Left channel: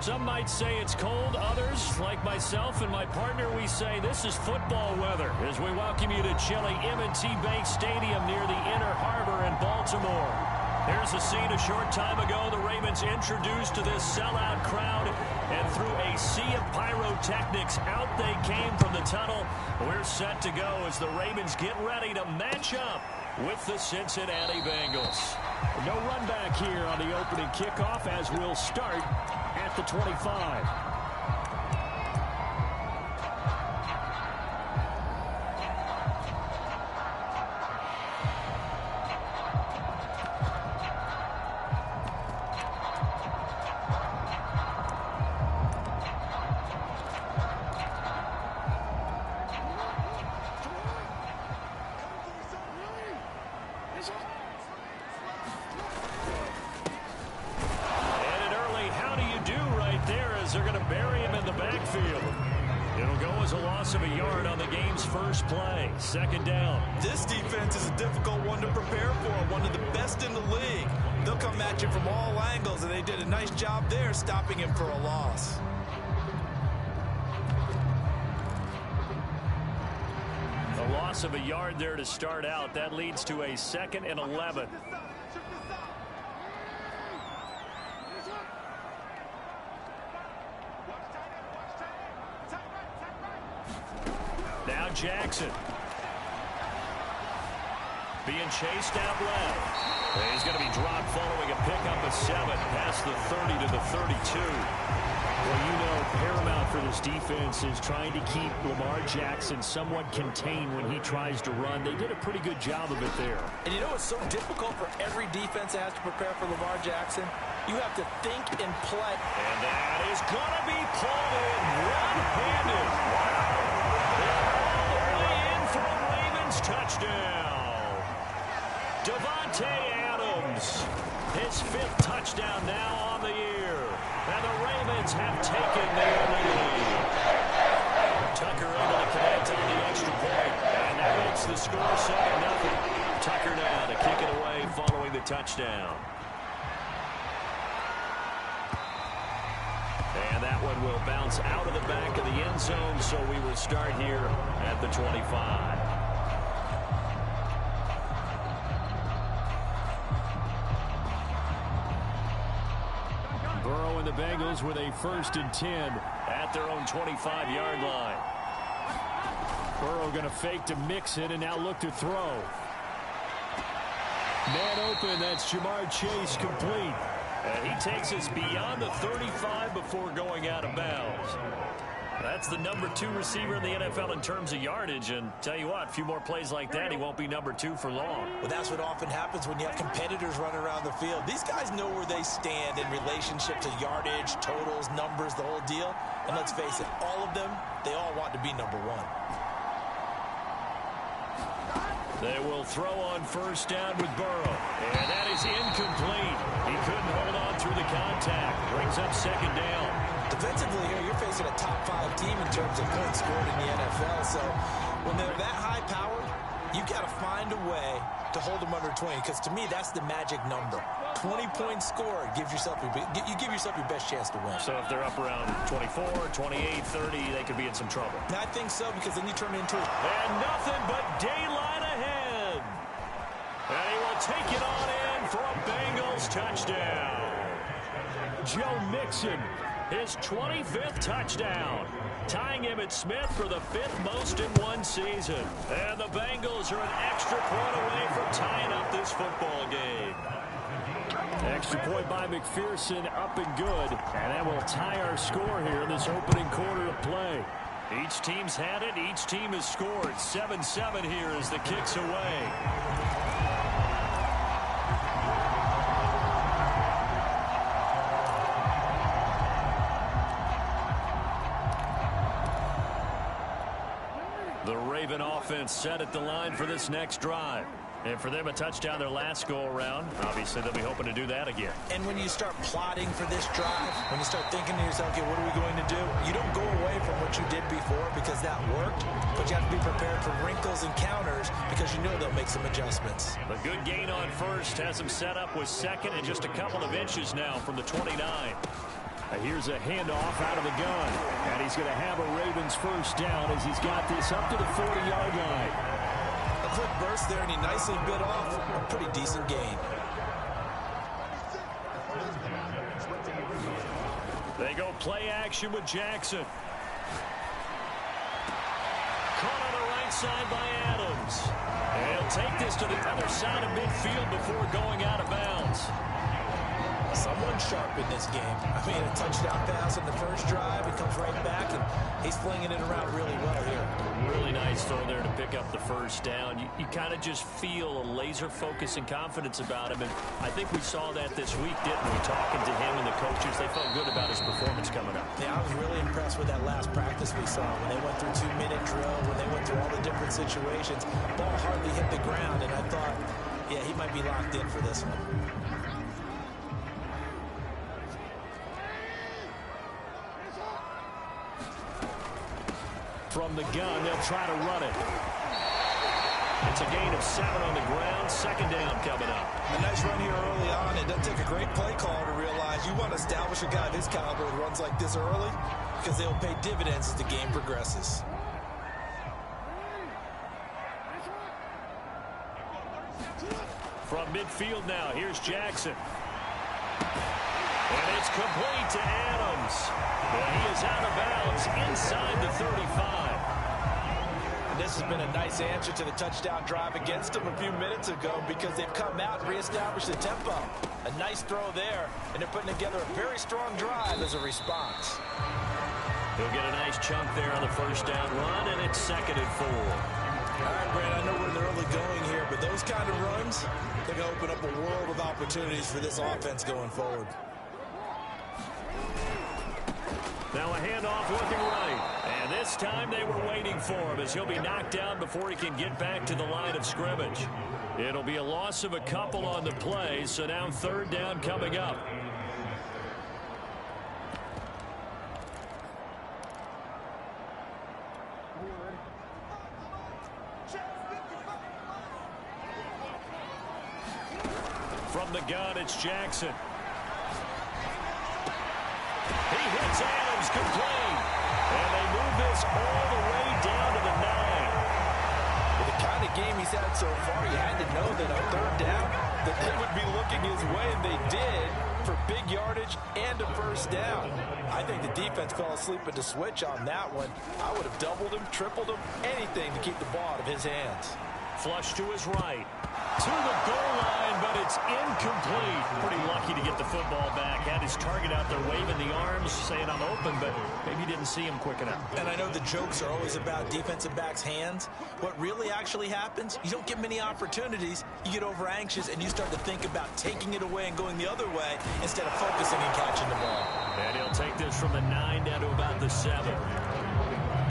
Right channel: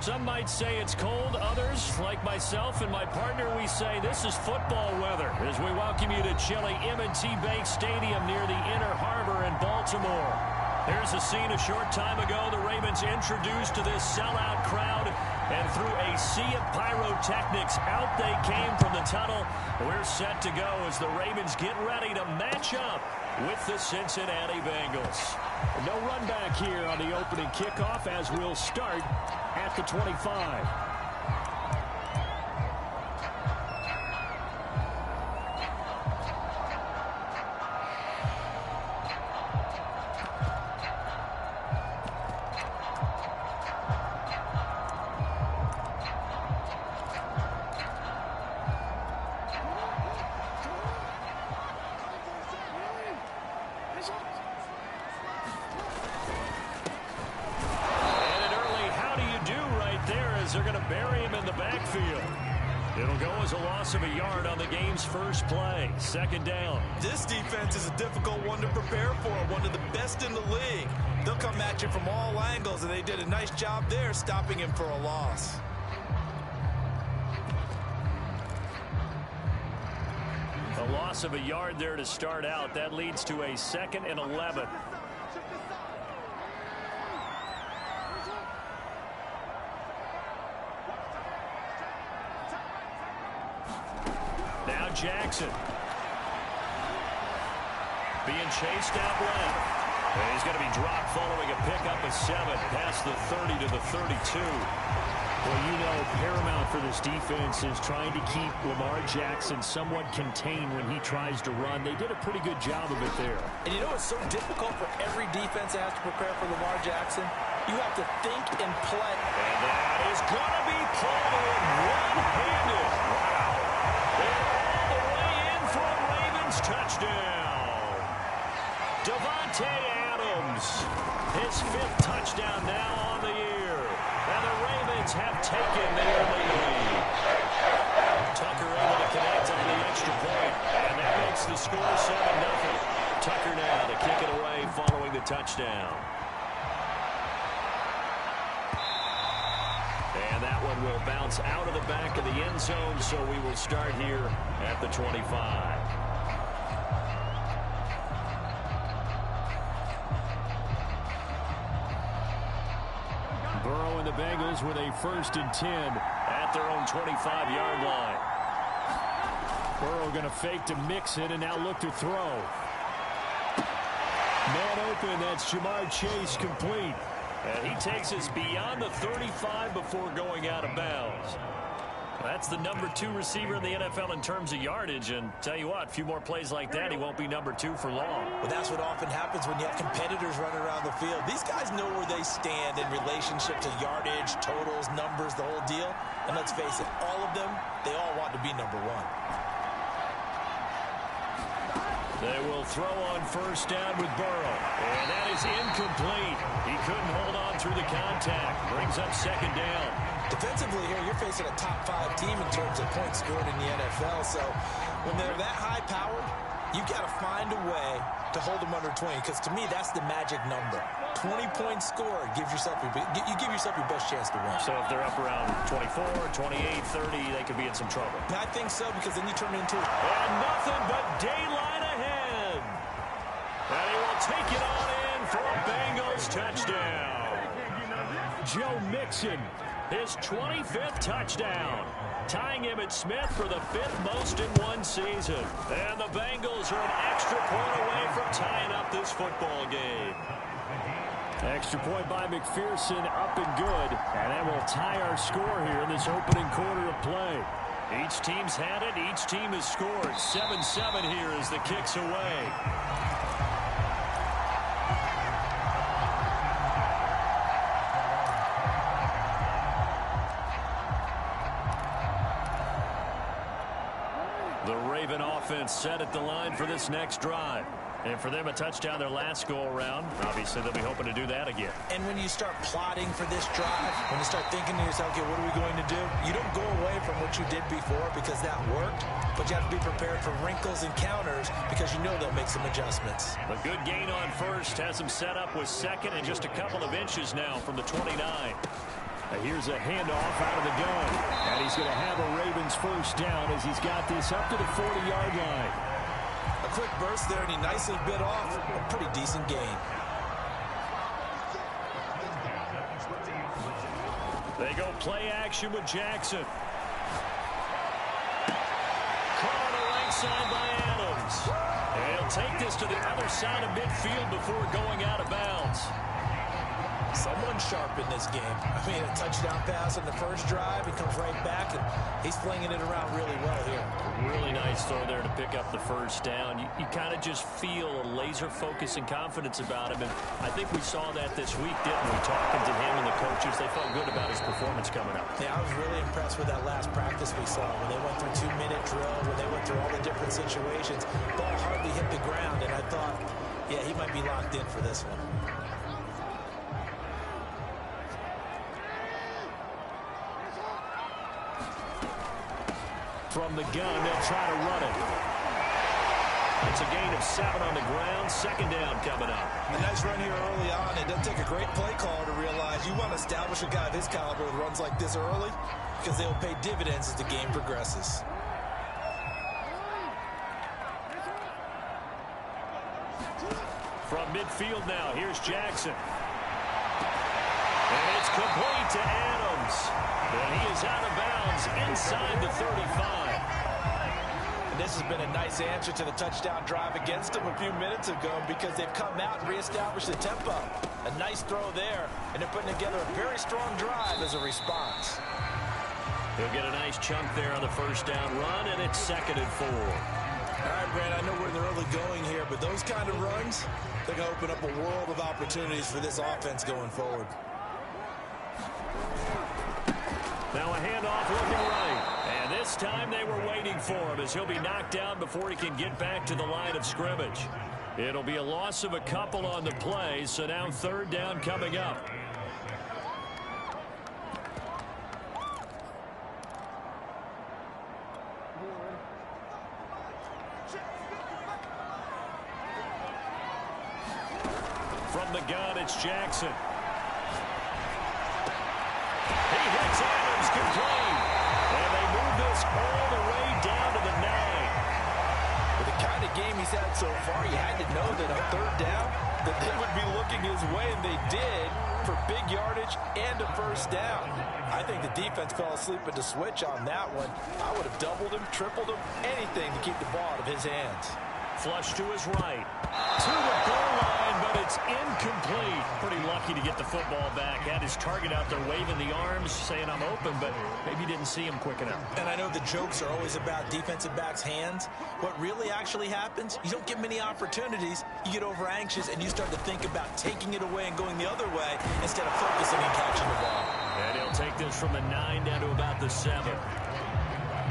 Some might say it's cold. Others, like myself and my partner, we say this is football weather as we welcome you to chilly M&T Bank Stadium near the Inner Harbor in Baltimore. Here's a scene a short time ago. The Ravens introduced to this sellout crowd, and through a sea of pyrotechnics, out they came from the tunnel. We're set to go as the Ravens get ready to match up with the Cincinnati Bengals. No run back here on the opening kickoff as we'll start at the 25. They're going to bury him in the backfield. It'll go as a loss of a yard on the game's first play. Second down. This defense is a difficult one to prepare for, one of the best in the league. They'll come at you from all angles, and they did a nice job there stopping him for a loss. A loss of a yard there to start out. That leads to a 2nd and 11. Now Jackson. Being chased out left. And he's going to be dropped following a pickup of 7 past the 30 to the 32. Well, you know, paramount for this defense is trying to keep Lamar Jackson somewhat contained when he tries to run. They did a pretty good job of it there. And you know it's so difficult for every defense that has to prepare for Lamar Jackson? You have to think and play. And that is going to be pulled in one-handed. Wow. And all the way in for a Ravens touchdown. Davante Adams, his 5th touchdown now on the year. And the Ravens have taken the early lead. Tucker able to connect on the extra point. And that makes the score 7-0. Tucker now to kick it away following the touchdown. And that one will bounce out of the back of the end zone, so we will start here at the 25. Burrow and the Bengals with a 1st and 10 at their own 25-yard line. Burrow going to fake to mix it and now look to throw. Man open, that's Jamar Chase complete. And he takes us beyond the 35 before going out of bounds. That's the number 2 receiver in the NFL in terms of yardage. And tell you what, a few more plays like that, he won't be number 2 for long. Well, that's what often happens when you have competitors running around the field. These guys know where they stand in relationship to yardage, totals, numbers, the whole deal. And let's face it, all of them, they all want to be number 1. They will throw on 1st down with Burrow. And that is incomplete. He couldn't hold on through the contact. Brings up 2nd down. Defensively here, you're facing a top 5 team in terms of points scored in the NFL. So when they're that high-powered, you got to find a way to hold them under 20. Because to me, that's the magic number. 20 points scored gives yourself you give yourself your best chance to win. So if they're up around 24, 28, 30, they could be in some trouble. I think so, because then you turn it into and nothing but daylight ahead. And he will take it on in for a Bengals touchdown. Joe Mixon, his 25th touchdown, tying Emmitt Smith for the 5th most in one season. And the Bengals are an extra point away from tying up this football game. Extra point by McPherson, up and good. And that will tie our score here in this opening quarter of play. Each team's had it. Each team has scored. 7-7 here as the kick's away. The Raven offense set at the line for this next drive. And for them, a touchdown their last go-around. Obviously, they'll be hoping to do that again. And when you start plotting for this drive, when you start thinking to yourself, okay, what are we going to do? You don't go away from what you did before because that worked, but you have to be prepared for wrinkles and counters because you know they'll make some adjustments. A good gain on 1st has them set up with 2nd and just a couple of inches now from the 29. Here's a handoff out of the gun. And he's going to have a Ravens first down as he's got this up to the 40-yard line. A quick burst there, and he nicely bit off a pretty decent gain. They go play action with Jackson. Caught on the right side by Adams. And he'll take this to the other side of midfield before going out of bounds. Someone sharp in this game. I mean, a touchdown pass on the first drive. He comes right back, and he's flinging it around really well here. Really nice throw there to pick up the first down. You kind of just feel a laser focus and confidence about him, and I think we saw that this week, didn't we? Talking to him and the coaches, they felt good about his performance coming up. Yeah, I was really impressed with that last practice we saw when they went through 2-minute drill, when they went through all the different situations. Ball hardly hit the ground, and I thought, yeah, he might be locked in for this one. From the gun, they'll try to run it. It's a gain of 7 on the ground. Second down coming up. A nice run here early on. It doesn't take a great play caller to realize you want to establish a guy of his caliber with runs like this early because they'll pay dividends as the game progresses. From midfield now, here's Jackson. And it's complete to Adams. But he is out of bounds inside the 35. And this has been a nice answer to the touchdown drive against them a few minutes ago because they've come out and reestablished the tempo. A nice throw there, and they're putting together a very strong drive as a response. He'll get a nice chunk there on the first down run, and it's 2nd and 4. All right, Brad, I know we're in the early going here, but those kind of runs, they're going to open up a world of opportunities for this offense going forward. Now a handoff looking right. And this time they were waiting for him as he'll be knocked down before he can get back to the line of scrimmage. It'll be a loss of a couple on the play, so now 3rd down coming up. From the gun, it's Jackson. He hits Adams complete. And they move this all the way down to the 9. With the kind of game he's had so far, you had to know that on 3rd down that they would be looking his way, and they did, for big yardage and a first down. I think the defense fell asleep at the switch on that one. I would have doubled him, tripled him, anything to keep the ball out of his hands. Flush to his right. To the goal line, but it's incomplete. Pretty lucky to get the football back. Had his target out there waving the arms, saying I'm open, but maybe didn't see him quick enough. And I know the jokes are always about defensive backs' hands. What really actually happens, you don't get many opportunities. You get over anxious, and you start to think about taking it away and going the other way instead of focusing and catching the ball. And he'll take this from the 9 down to about the 7.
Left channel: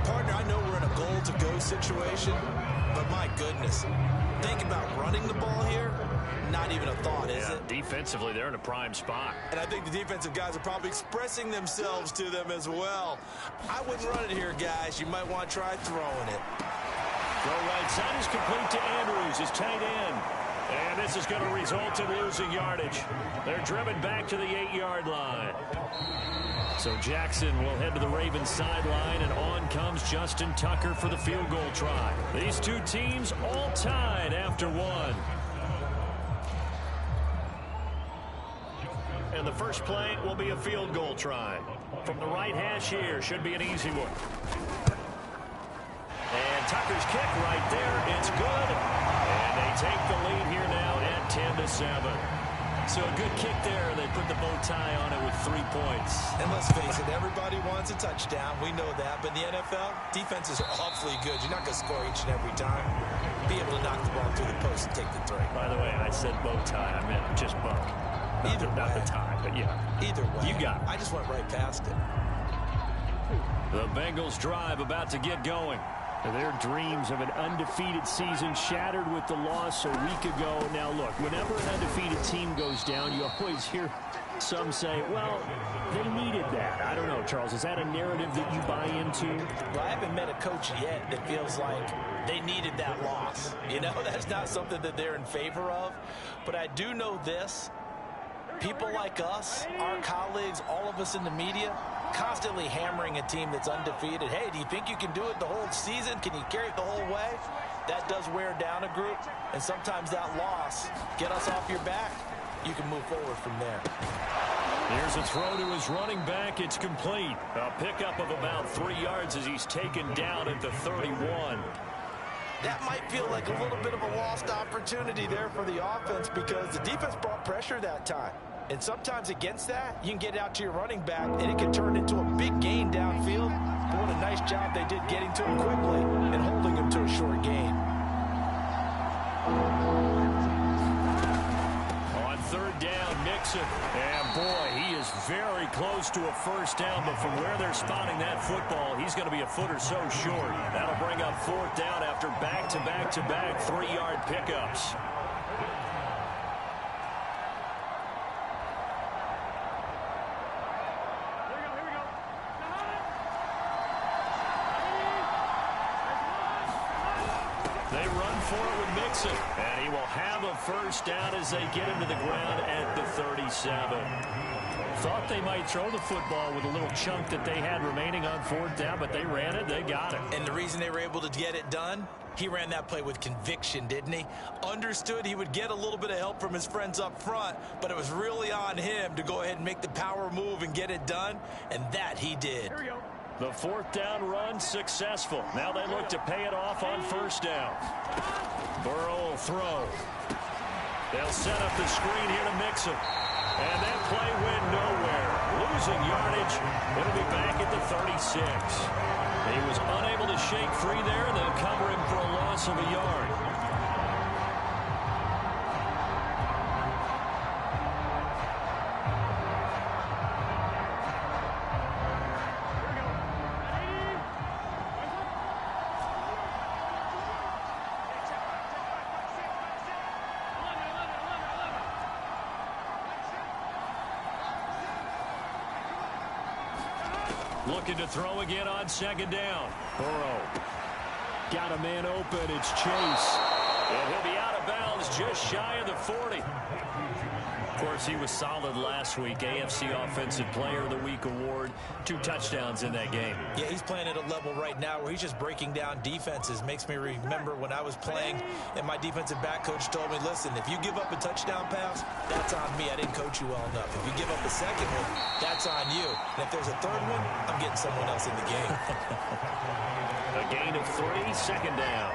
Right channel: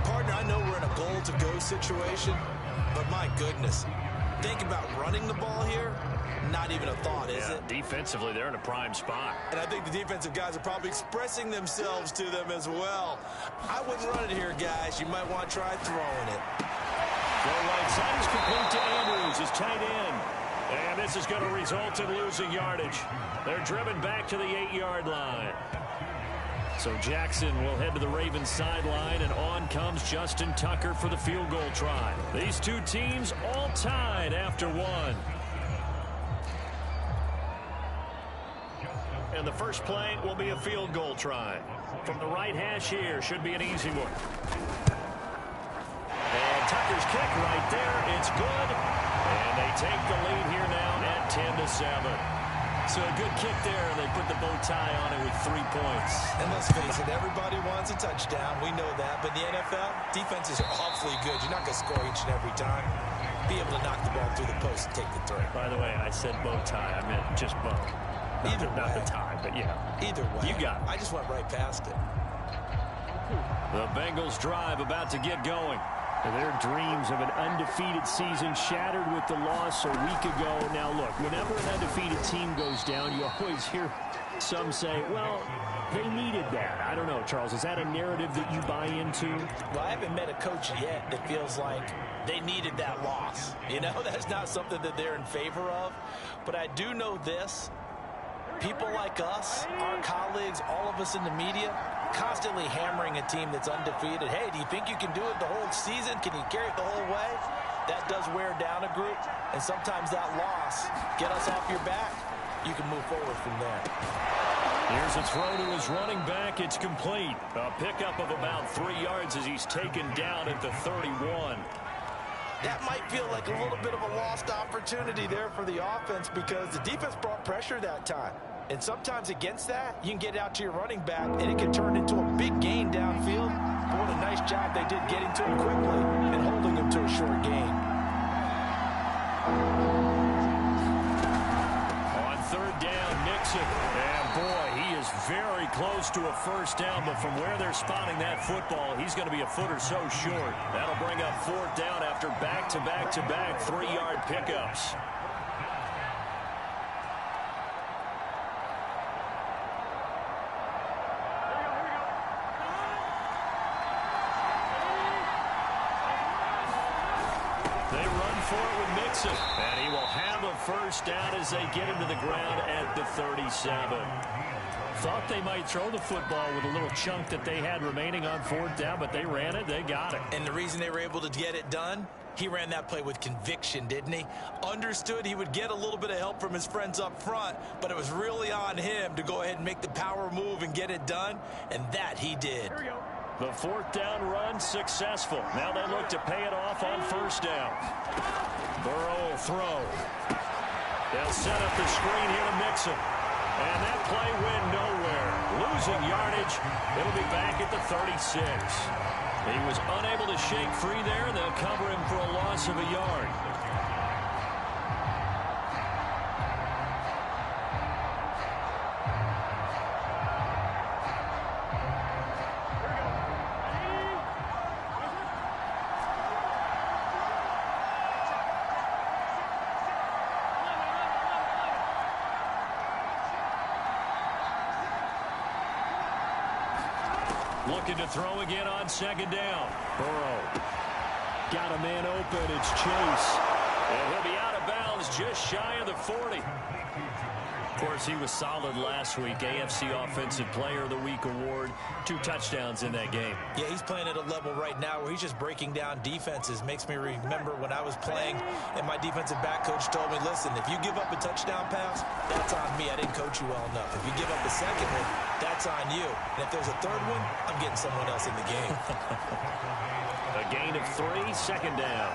Partner, I know we're in a goal-to-go situation, but my goodness, think about running the ball here. Not even a thought, is it? Defensively, they're in a prime spot. And I think the defensive guys are probably expressing themselves to them as well. I wouldn't run it here, guys. You might want to try throwing it. Throw right side is complete to Andrews, his tight end. And this is going to result in losing yardage. They're driven back to the 8-yard line. So Jackson will head to the Ravens sideline, and on comes Justin Tucker for the field goal try. These two teams all tied after 1. And the first play will be a field goal try. From the right hash here, should be an easy one. And Tucker's kick right there, it's good. And they take the lead here now at 10-7. So a good kick there. They put the bow tie on it with 3 points. And let's face it, everybody wants a touchdown. We know that. But in the NFL, defenses are awfully good. You're not going to score each and every time. Be able to knock the ball through the post and take the 3. By the way, I said bow tie. I meant just bow. Not the tie, but yeah. Either way. You got it. I just went right past it. The Bengals drive about to get going. Their dreams of an undefeated season shattered with the loss a week ago. Now, look, whenever an undefeated team goes down, you always hear some say, well, they needed that. I don't know, Charles. Is that a narrative that you buy into? Well, I haven't met a coach yet that feels like they needed that loss. You know, that's not something that they're in favor of. But I do know this. people like us, our colleagues, all of us in the media, constantly hammering a team that's undefeated. Hey, do you think you can do it the whole season? Can you carry it the whole way? That does wear down a group, and sometimes that loss, get us off your back, you can move forward from there. Here's a throw to his running back. It's complete. A pickup of about 3 yards as he's taken down at the 31. That might feel like a little bit of a lost opportunity there for the offense because the defense brought pressure that time. And sometimes against that, you can get out to your running back, and it can turn into a big gain downfield. But what a nice job they did getting to him quickly and holding him to a short gain. On third down, Mixon. And boy, he is very close to a first down, but from where they're spotting that football, he's going to be a foot or so short. That'll bring up fourth down after back-to-back-to-back 3-yard pickups. They run for it with Mixon, and he will have a first down as they get him to the ground at the 37. Thought they might throw the football with a little chunk that they had remaining on fourth down, but they ran it, they got it. And the reason they were able to get it done, he ran that play with conviction, didn't he? Understood he would get a little bit of help from his friends up front, but it was really on him to go ahead and make the power move and get it done, and that he did. Here we go. The fourth down run successful. Now they look to pay it off on first down. Burrow will throw. They'll set up the screen here to Mixon. And that play went nowhere. Losing yardage. It'll be back at the 36. He was unable to shake free there. They'll cover him for a loss of a yard. Looking to throw again on second down. Burrow got a man open. It's Chase. And he'll be out of bounds just shy of the 40. Of course, he was solid last week. AFC Offensive Player of the Week award. 2 touchdowns in that game. Yeah, he's playing at a level right now where he's just breaking down defenses. Makes me remember when I was playing and my defensive back coach told me, listen, if you give up a touchdown pass, that's on me. I didn't coach you well enough. If you give up a second one, that's on you. And if there's a third one, I'm getting someone else in the game. A gain of 3, second down.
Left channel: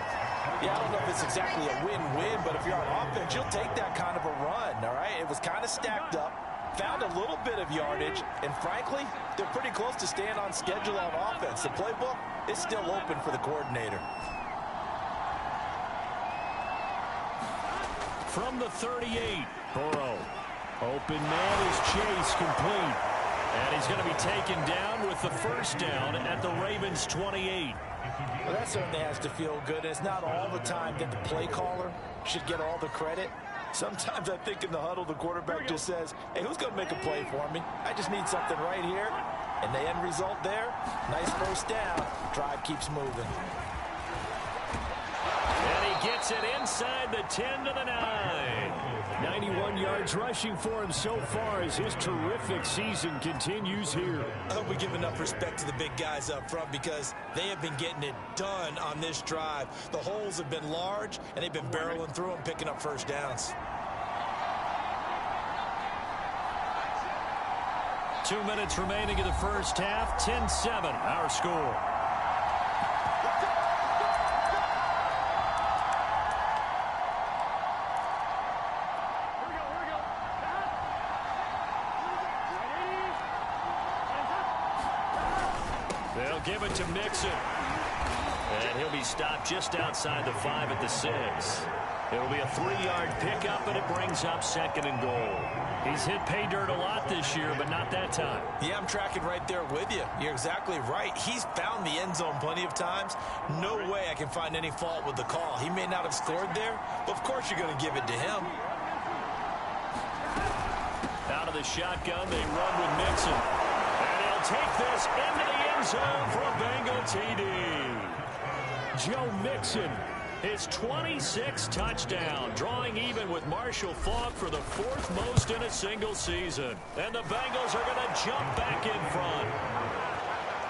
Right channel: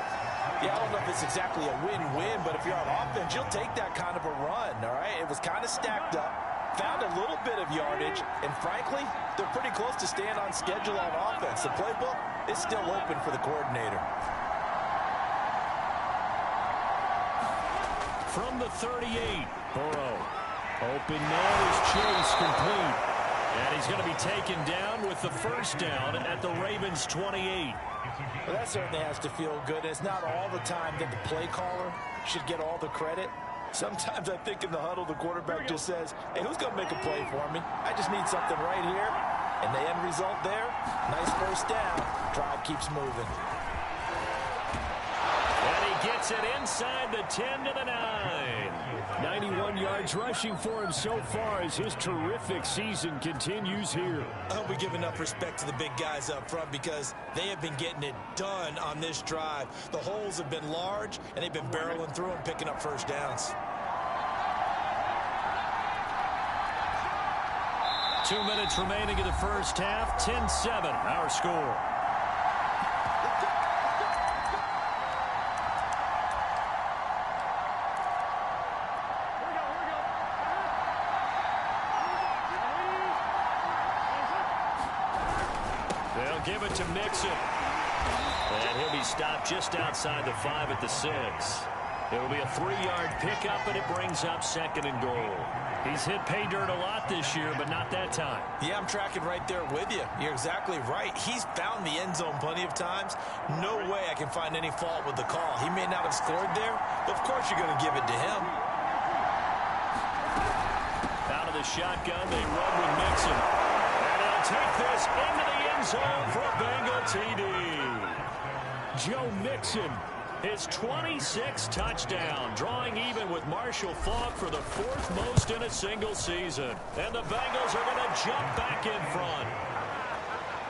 Yeah, I don't know if it's exactly a win-win, but if you're on offense, you'll take that kind of a run, all right? It was kind of stacked up, found a little bit of yardage, and frankly, they're pretty close to staying on schedule on offense. The playbook is still open for the coordinator. From the 38, Burrow. Open man is Chase, complete. And he's going to be taken down with the first down at the Ravens' 28. Well, that certainly has to feel good. It's not all the time that the play caller should get all the credit. Sometimes I think in the huddle, the quarterback just says, hey, who's going to make a play for me? I just need something right here. And the end result there, nice first down. Drive keeps moving. And he gets it inside the 10 to the 9. 91 yards rushing for him so far as his terrific season continues here. I hope we give enough respect to the big guys up front because they have been getting it done on this drive. The holes have been large, and they've been barreling through them, picking up first downs. 2 minutes remaining in the first half. 10-7, our score. They'll give it to Mixon. And he'll be stopped just outside the 5 at the 6. It'll be a 3-yard pickup, and it brings up second and goal. He's hit pay dirt a lot this year, but not that time. Yeah, I'm tracking right there with you. You're exactly right. He's found the end zone plenty of times. No way I can find any fault with the call. He may not have scored there, but of course you're going to give it to him. Out of the shotgun, they run with Mixon. And he'll take this into the end zone for a Bengal TD. Joe Mixon His 26th touchdown, drawing even with Marshall Faulk for the 4th most in a single season. And the Bengals are going to jump back in front.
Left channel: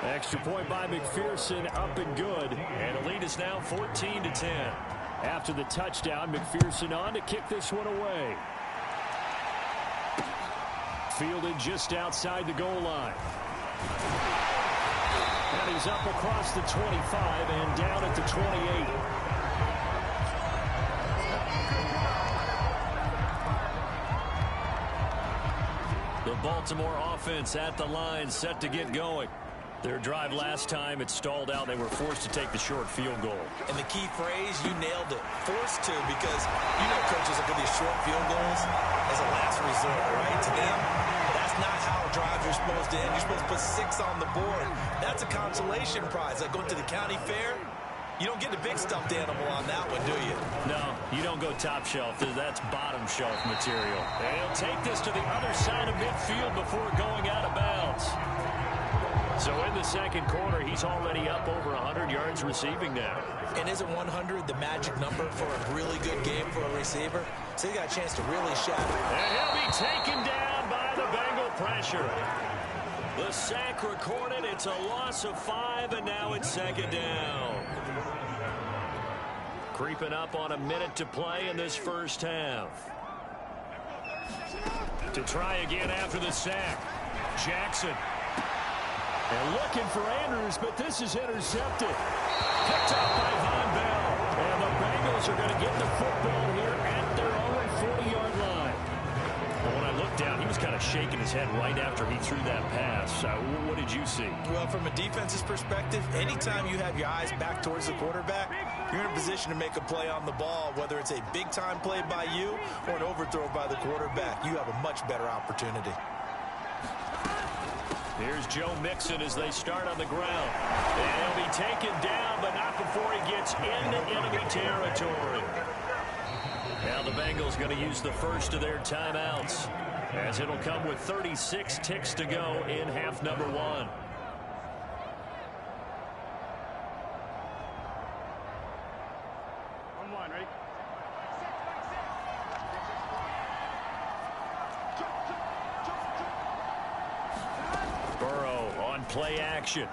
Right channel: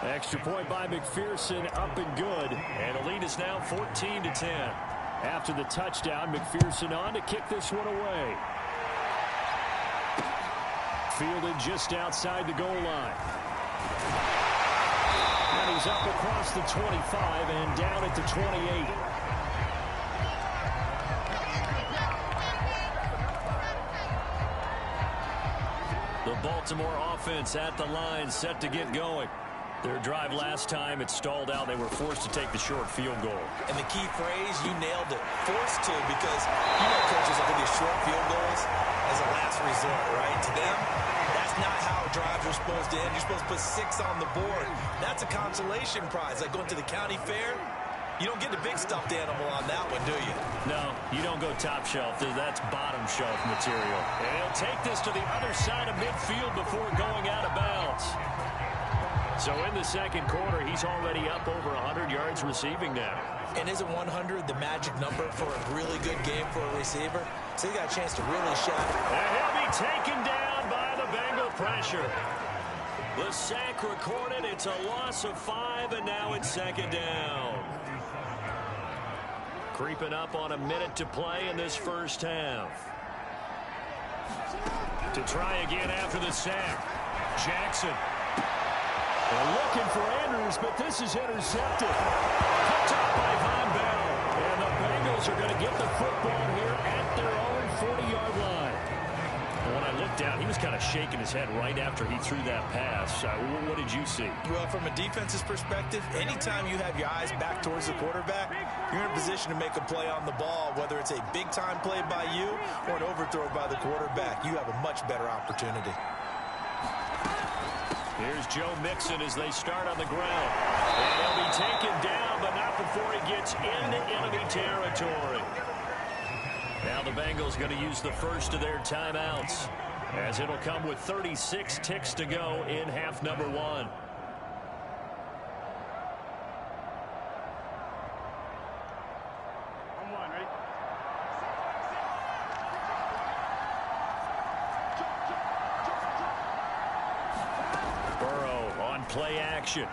Extra point by McPherson, up and good. And the lead is now 14-10. After the touchdown, McPherson on to kick this one away. Fielded just outside the goal line. And he's up across the 25 and down at the 28. The Baltimore offense at the line, set to get going. Their drive last time, it stalled out. They were forced to take the short field goal. And the key phrase, you nailed it. Forced to, because you know coaches look at these short field goals as a last resort, right? To them, that's not how drives are supposed to end. You're supposed to put 6 on the board. That's a consolation prize. Like going to the county fair, you don't get the big stuffed animal on that one, do you? No, you don't go top shelf. That's bottom shelf material. And he'll take this to the other side of midfield before going out of bounds. So in the second quarter, he's already up over 100 yards receiving now. And isn't 100 the magic number for a really good game for a receiver? So he got a chance to really shatter. And he'll be taken down by the Bengal pressure. The sack recorded. It's a loss of 5, and now it's second down. Creeping up on a minute to play in this first half. To try again after the sack. Jackson. And looking for Andrews, but this is intercepted. Picked up by Von Bell. And the Bengals are going to get the football here at their own 40-yard line. Well, when I looked down, he was kind of shaking his head right after he threw that pass. What did you see? Well, from a defense's perspective, anytime you have your eyes back towards the quarterback, you're in a position to make a play on the ball, whether it's a big-time play by you or an overthrow by the quarterback. You have a much better opportunity. Here's Joe Mixon as they start on the ground. And he'll be taken down, but not before he gets into enemy territory. Now the Bengals going to use the first of their timeouts, as it'll come with 36 ticks to go in half number 1. On 1, ready? Burrow on play action.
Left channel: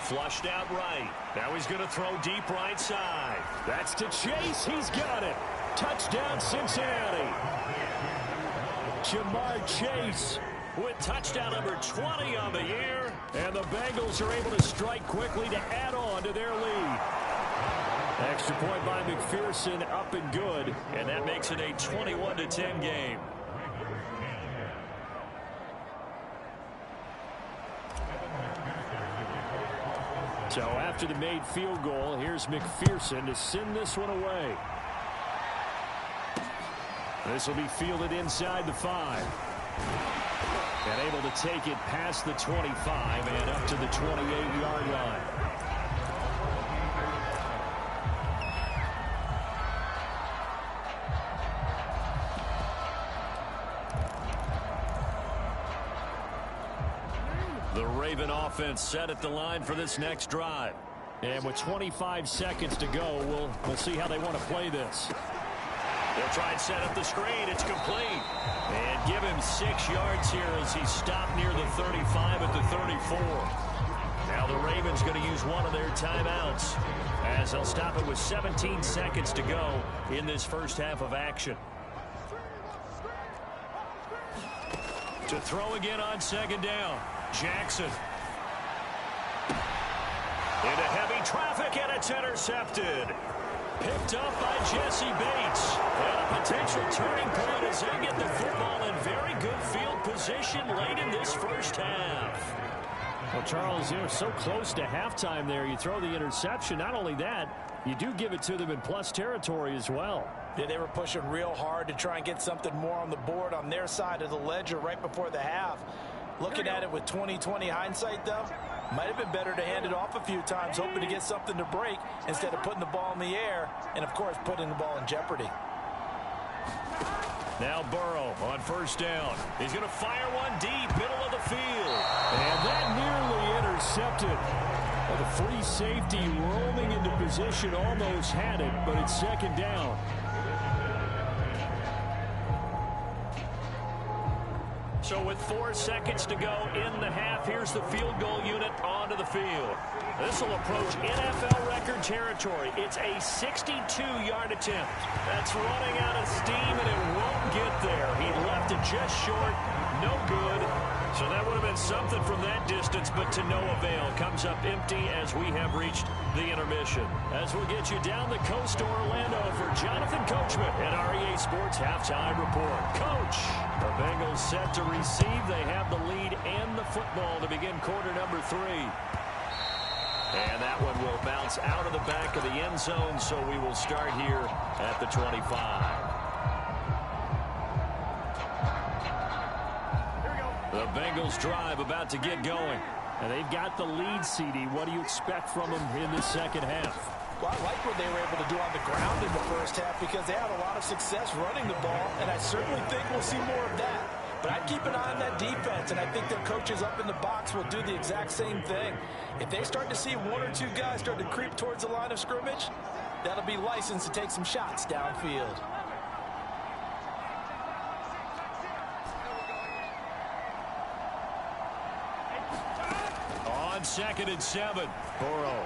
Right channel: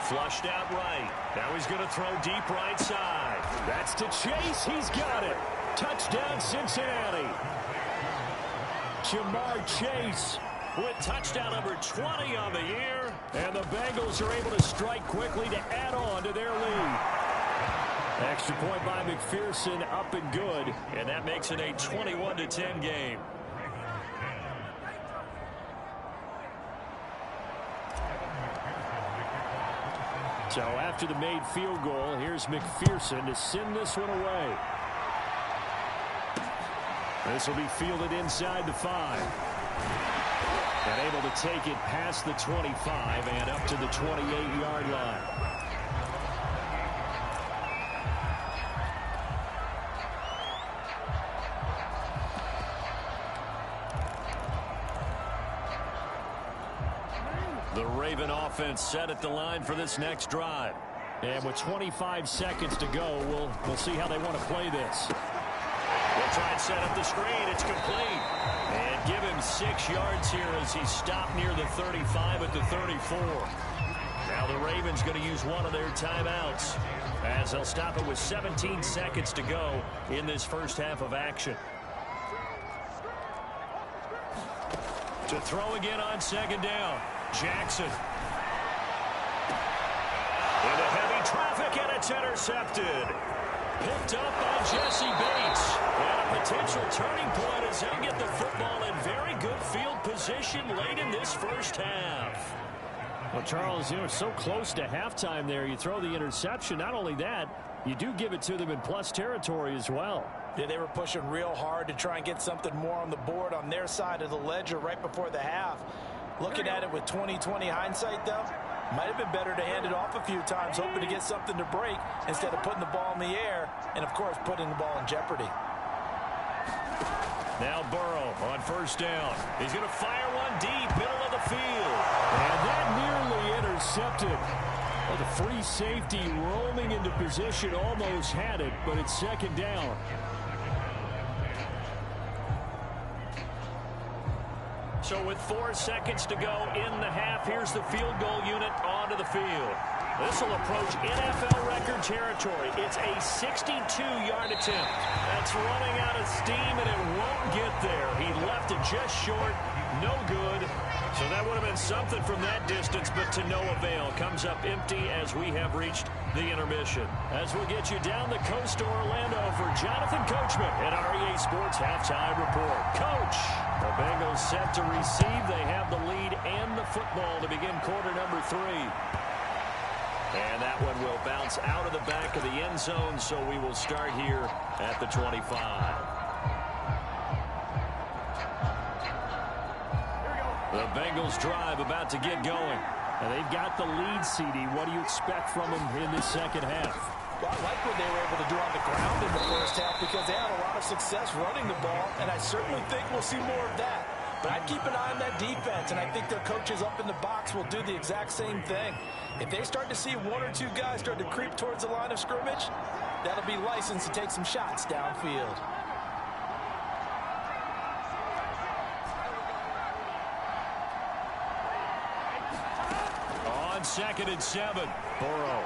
Flushed out right. Now he's going to throw deep right side. That's to Chase. He's got it. Touchdown, Cincinnati. Jamar Chase with touchdown number 20 on the year. And the Bengals are able to strike quickly to add on to their lead. Extra point by McPherson, up and good. And that makes it a 21-10 game. So after the made field goal, here's McPherson to send this one away. This will be fielded inside the 5. And able to take it past the 25 and up to the 28-yard line. The Raven offense set at the line for this next drive. And with 25 seconds to go, we'll see how they want to play this. They'll try and set up the screen. It's complete. And give him 6 yards here as he stopped near the 35 at the 34. Now the Ravens going to use one of their timeouts, as they'll stop it with 17 seconds to go in this first half of action. To throw again on second down. Jackson. Into heavy traffic, and it's intercepted. Picked up by Jesse Bates. And a potential turning point as they get the football in very good field position late in this first half. Well, Charles, you know, so close to halftime there. You throw the interception. Not only that, you do give it to them in plus territory as well. Yeah, they were pushing real hard to try and get something more on the board on their side of the ledger right before the half. Looking at it with 20/20 hindsight, though, might have been better to hand it off a few times, hoping to get something to break instead of putting the ball in the air and, of course, putting the ball in jeopardy. Now Burrow on first down. He's going to fire one deep, middle of the field. And that nearly intercepted. Well, the free safety roaming into position almost had it, but it's second down. So with 4 seconds to go in the half, here's the field goal unit onto the field. This will approach NFL record territory. It's a 62-yard attempt. That's running out of steam, and it won't get there. He left it just short. No good. So that would have been something from that distance, but to no avail. Comes up empty as we have reached the intermission. As we get you down the coast to Orlando for Jonathan Coachman at our EA Sports Halftime Report. Coach, the Bengals set to receive. They have the lead and the football to begin quarter number 3. And that one will bounce out of the back of the end zone, so we will start here at the 25. The Bengals drive about to get going. And they've got the lead, CD. What do you expect from them in this second half? Well, I like what they were able to do on the ground in the first half because they had a lot of success running the ball, and I certainly think we'll see more of that. But I'd keep an eye on that defense, and I think their coaches up in the box will do the exact same thing. If they start to see 1 or 2 guys start to creep towards the line of scrimmage, that'll be licensed to take some shots downfield. On 2nd and 7, Burrow.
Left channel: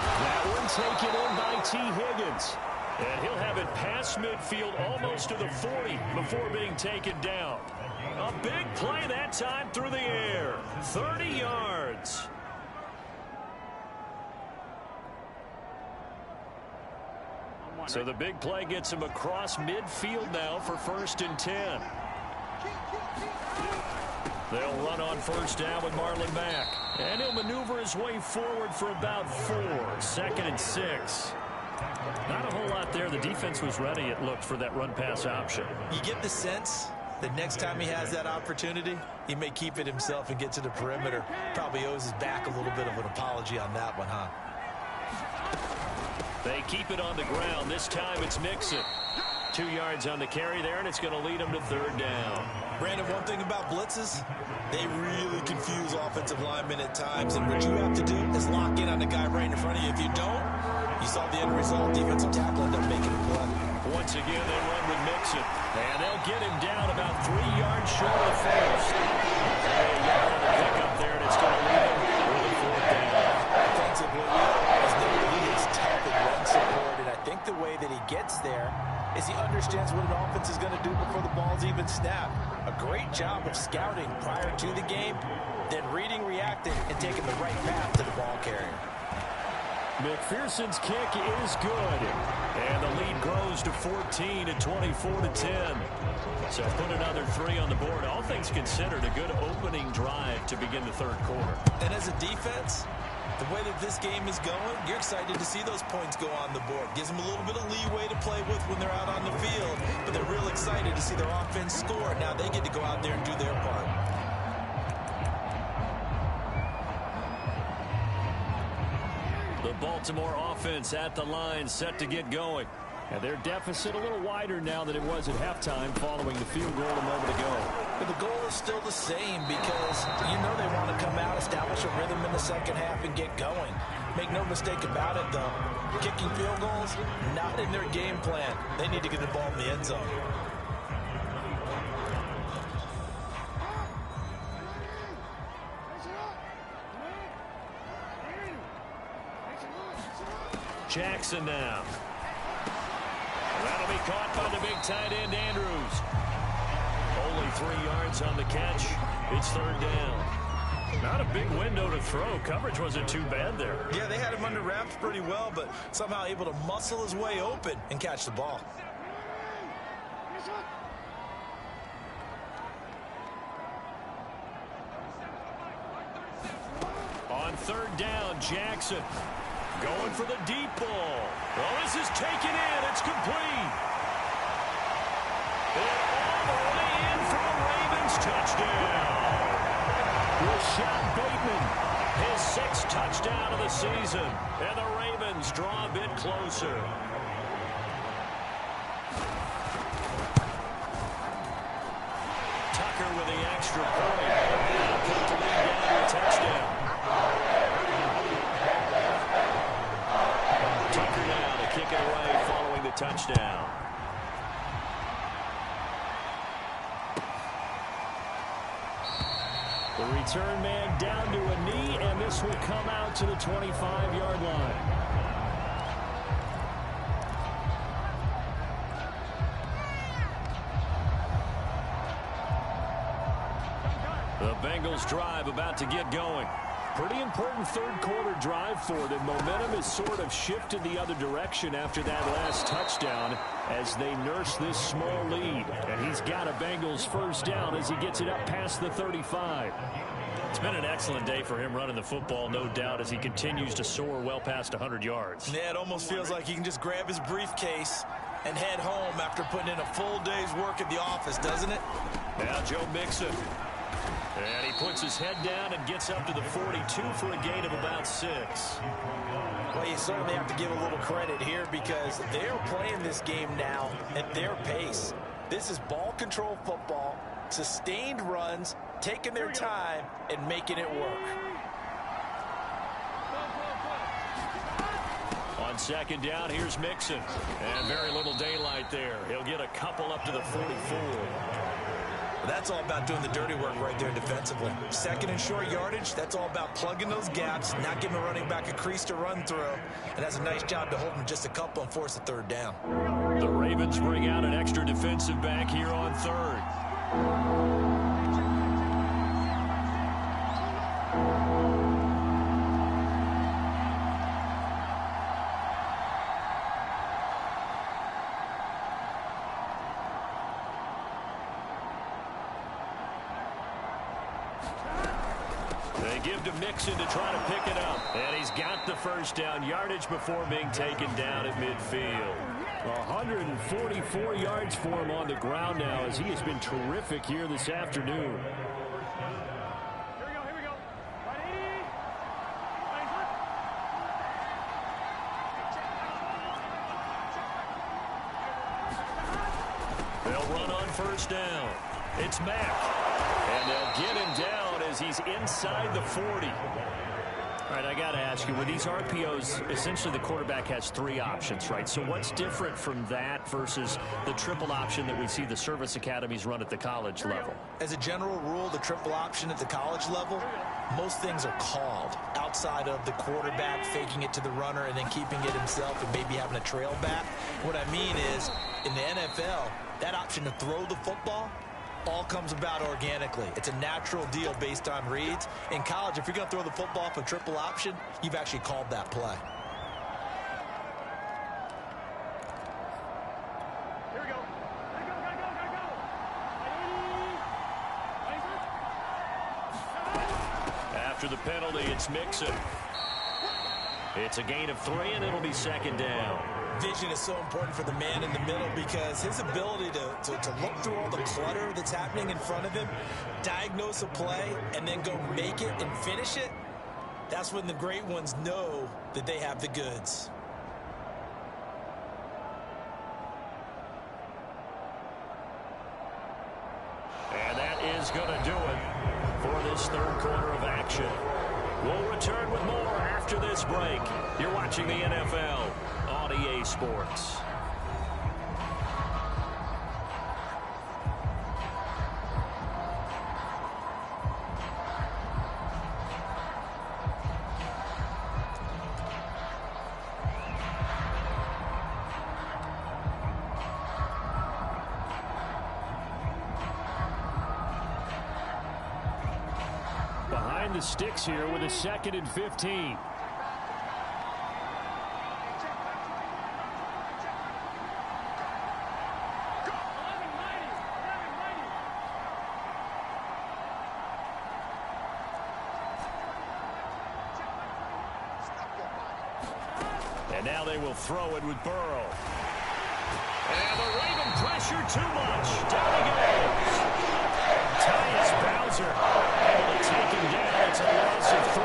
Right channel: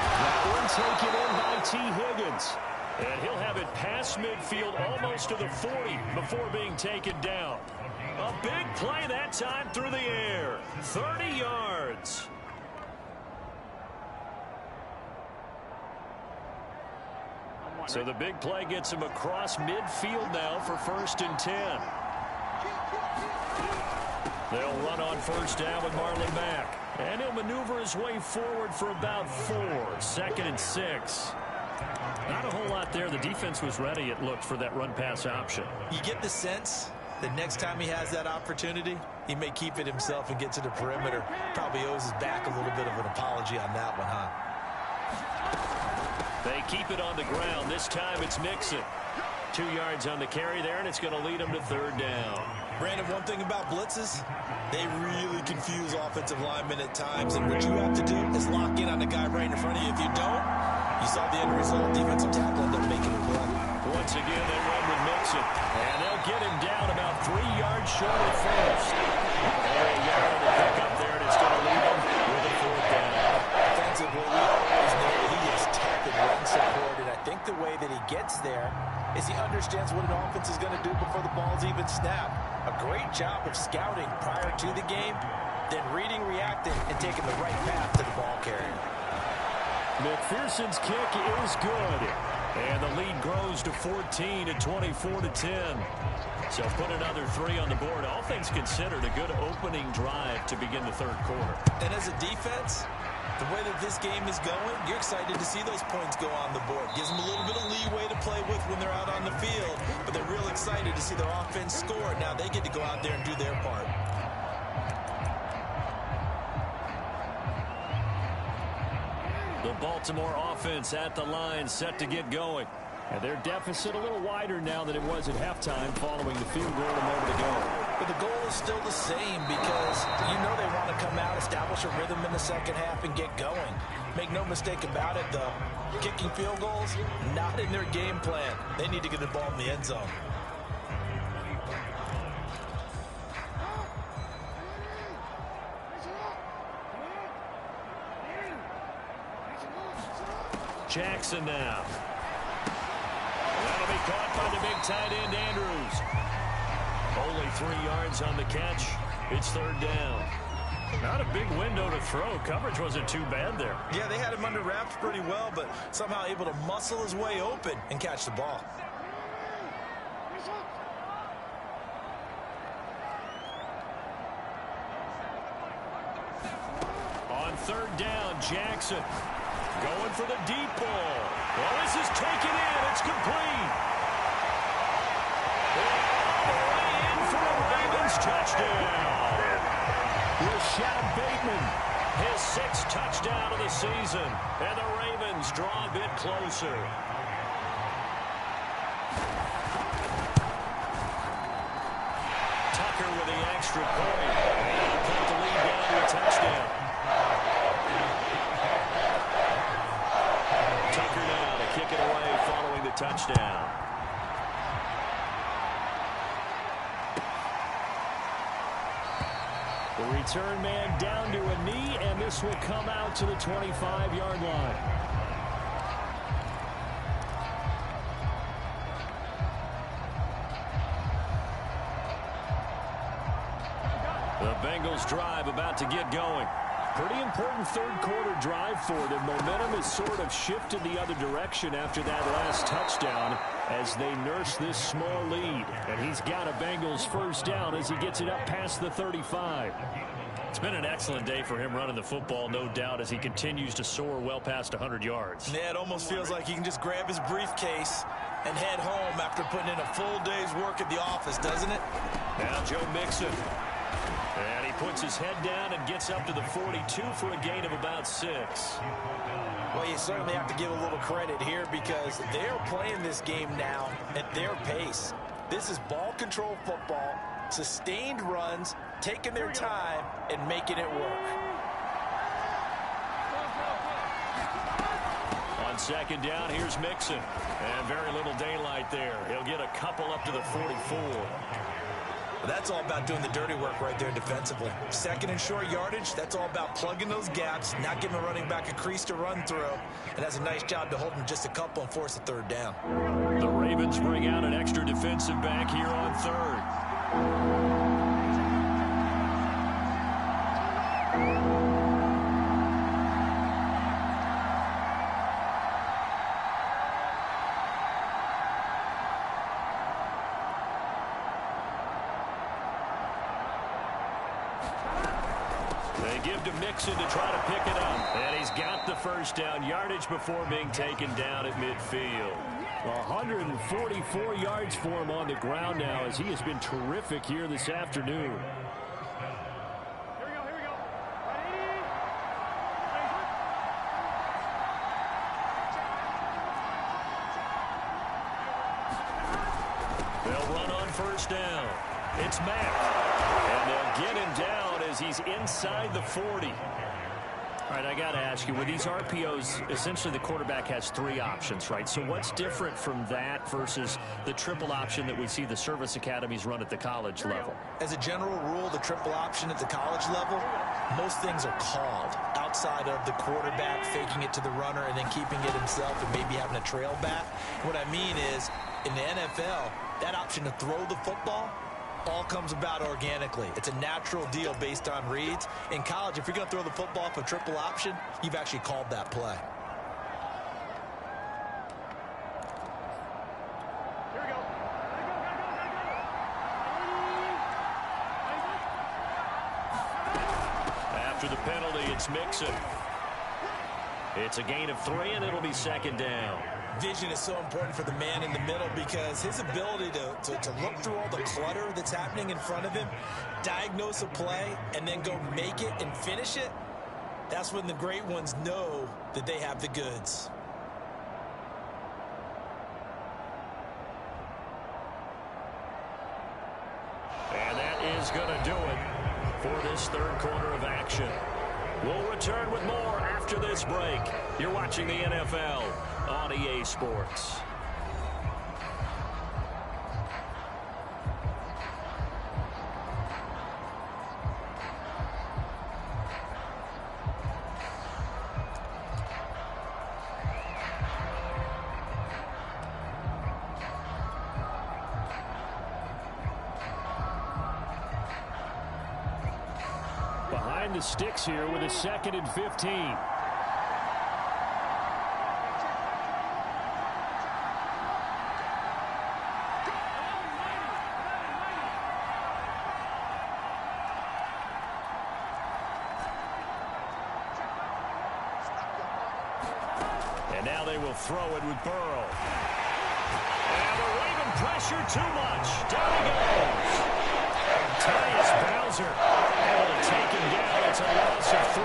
That one taken in by T. Higgins. And he'll have it past midfield almost to the 40 before being taken down. A big play that time through the air. 30 yards. So the big play gets him across midfield now for 1st and 10. They'll run on 1st down with Marlon back. And he'll maneuver his way forward for about 4. 2nd and 6. Not a whole lot there. The defense was ready, it looked, for that run-pass option. You get the sense that next time he has that opportunity, he may keep it himself and get to the perimeter. Probably owes his back a little bit of an apology on that one, huh? They keep it on the ground. This time it's Mixon. 2 yards on the carry there, and it's going to lead him to 3rd down. Brandon, one thing about blitzes, they really confuse offensive linemen at times, and what you have to do is lock in on the guy right in front of you. If you don't, you saw the end result. Defensive tackle ended up making a play. Once again, they run with Mixon, and they'll get him down about 3 yards short of the first. A yard on the pickup there, and it's going to leave him with a 4th down. Defensively, we always know that he is tough and run support, and I think the way that he gets there is he understands what an offense is going to do before the ball's even snapped. A great job of scouting prior to the game, then reading, reacting, and taking the right path to the ball carrier. McPherson's kick is good. And the lead grows to 14 at 24-10. So put another 3 on the board. All things considered, a good opening drive to begin the 3rd quarter. And as a defense, the way that this game is going, you're excited to see those points go on the board. Gives them a little bit of leeway to play with when they're out on the field, but they're real excited to see their offense score. Now they get to go out there and do their part. The Baltimore offense at the line, set to get going. And their deficit a little wider now than it was at halftime following the field goal a moment ago. But the goal is still the same because you know they want to come out, establish a rhythm in the second half, and get going. Make no mistake about it, though. Kicking field goals, not in their game plan. They need to get the ball in the end zone. Jackson now. That'll be caught by the big tight end, Andrews. Only 3 yards on the catch. It's 3rd down. Not a big window to throw. Coverage wasn't too bad there. Yeah, they had him under wraps pretty well, but somehow able to muscle his way open and catch the ball. On 3rd down, Jackson going for the deep ball. Well, this is taken in. It's complete. And all the way in for a Ravens touchdown. Rashad Bateman, his 6th touchdown of the season. And the Ravens draw a bit closer. Tucker with the extra point. And that'll cut the lead down to a touchdown. Tucker now to kick it away following the touchdown. The return man down to a knee, and this will come out to the 25-yard line. The Bengals drive about to get going. Pretty important third-quarter drive for them. Momentum has sort of shifted the other direction after that last touchdown as they nurse this small lead. And he's got a Bengals first down as he gets it up past the 35. It's been an excellent day for him running the football, no doubt, as he continues to soar well past 100 yards. Yeah, it almost feels like he can just grab his briefcase and head home after putting in a full day's work at the office, doesn't it? Now Joe Mixon. And he puts his head down and gets up to the 42 for a gain of about 6. Well, you certainly have to give a little credit here because they're playing this game now at their pace. This is ball control football, sustained runs, taking their time and making it work. On second down, here's Mixon. And very little daylight there. He'll get a couple up to the 44. That's all about doing the dirty work right there defensively. Second and short yardage, that's all about plugging those gaps, not giving a running back a crease to run through, and has a nice job to hold him just a couple and force a third down. The Ravens bring out an extra defensive back here on third. They give to Mixon to try to pick it up. And he's got the first down yardage before being taken down at midfield. 144 yards for him on the ground now as he has been terrific here this afternoon. Here we go. Ready? They'll run on first down. It's Mack. And they'll get him down as he's inside the 40. All right, I got to ask you, with these RPOs, essentially the quarterback has 3 options, right? So what's different from that versus the triple option that we see the service academies run at the college level? As a general rule, the triple option at the college level, most things are called outside of the quarterback faking it to the runner and then keeping it himself and maybe having a trail back. What I mean is, in the NFL, that option to throw the football all comes about organically. It's a natural deal based on reads. In college, if you're going to throw the football for triple option, you've actually called that play. Here we go. Gotta go. After the penalty, it's Mixon. It's a gain of 3, and it'll be second down. Vision is so important for the man in the middle because his ability to look through all the clutter that's happening in front of him, diagnose a play, and then go make it and finish it, that's when the great ones know that they have the goods. And that is going to do it for this third quarter of action. We'll return with more after this break. You're watching the NFL on EA Sports. Behind the sticks here with a 2nd and 15. And now they will throw it with Burrow. And the Raven pressure too much. Down he goes. Tyus Bowser able to take him down. It's a loss of 3.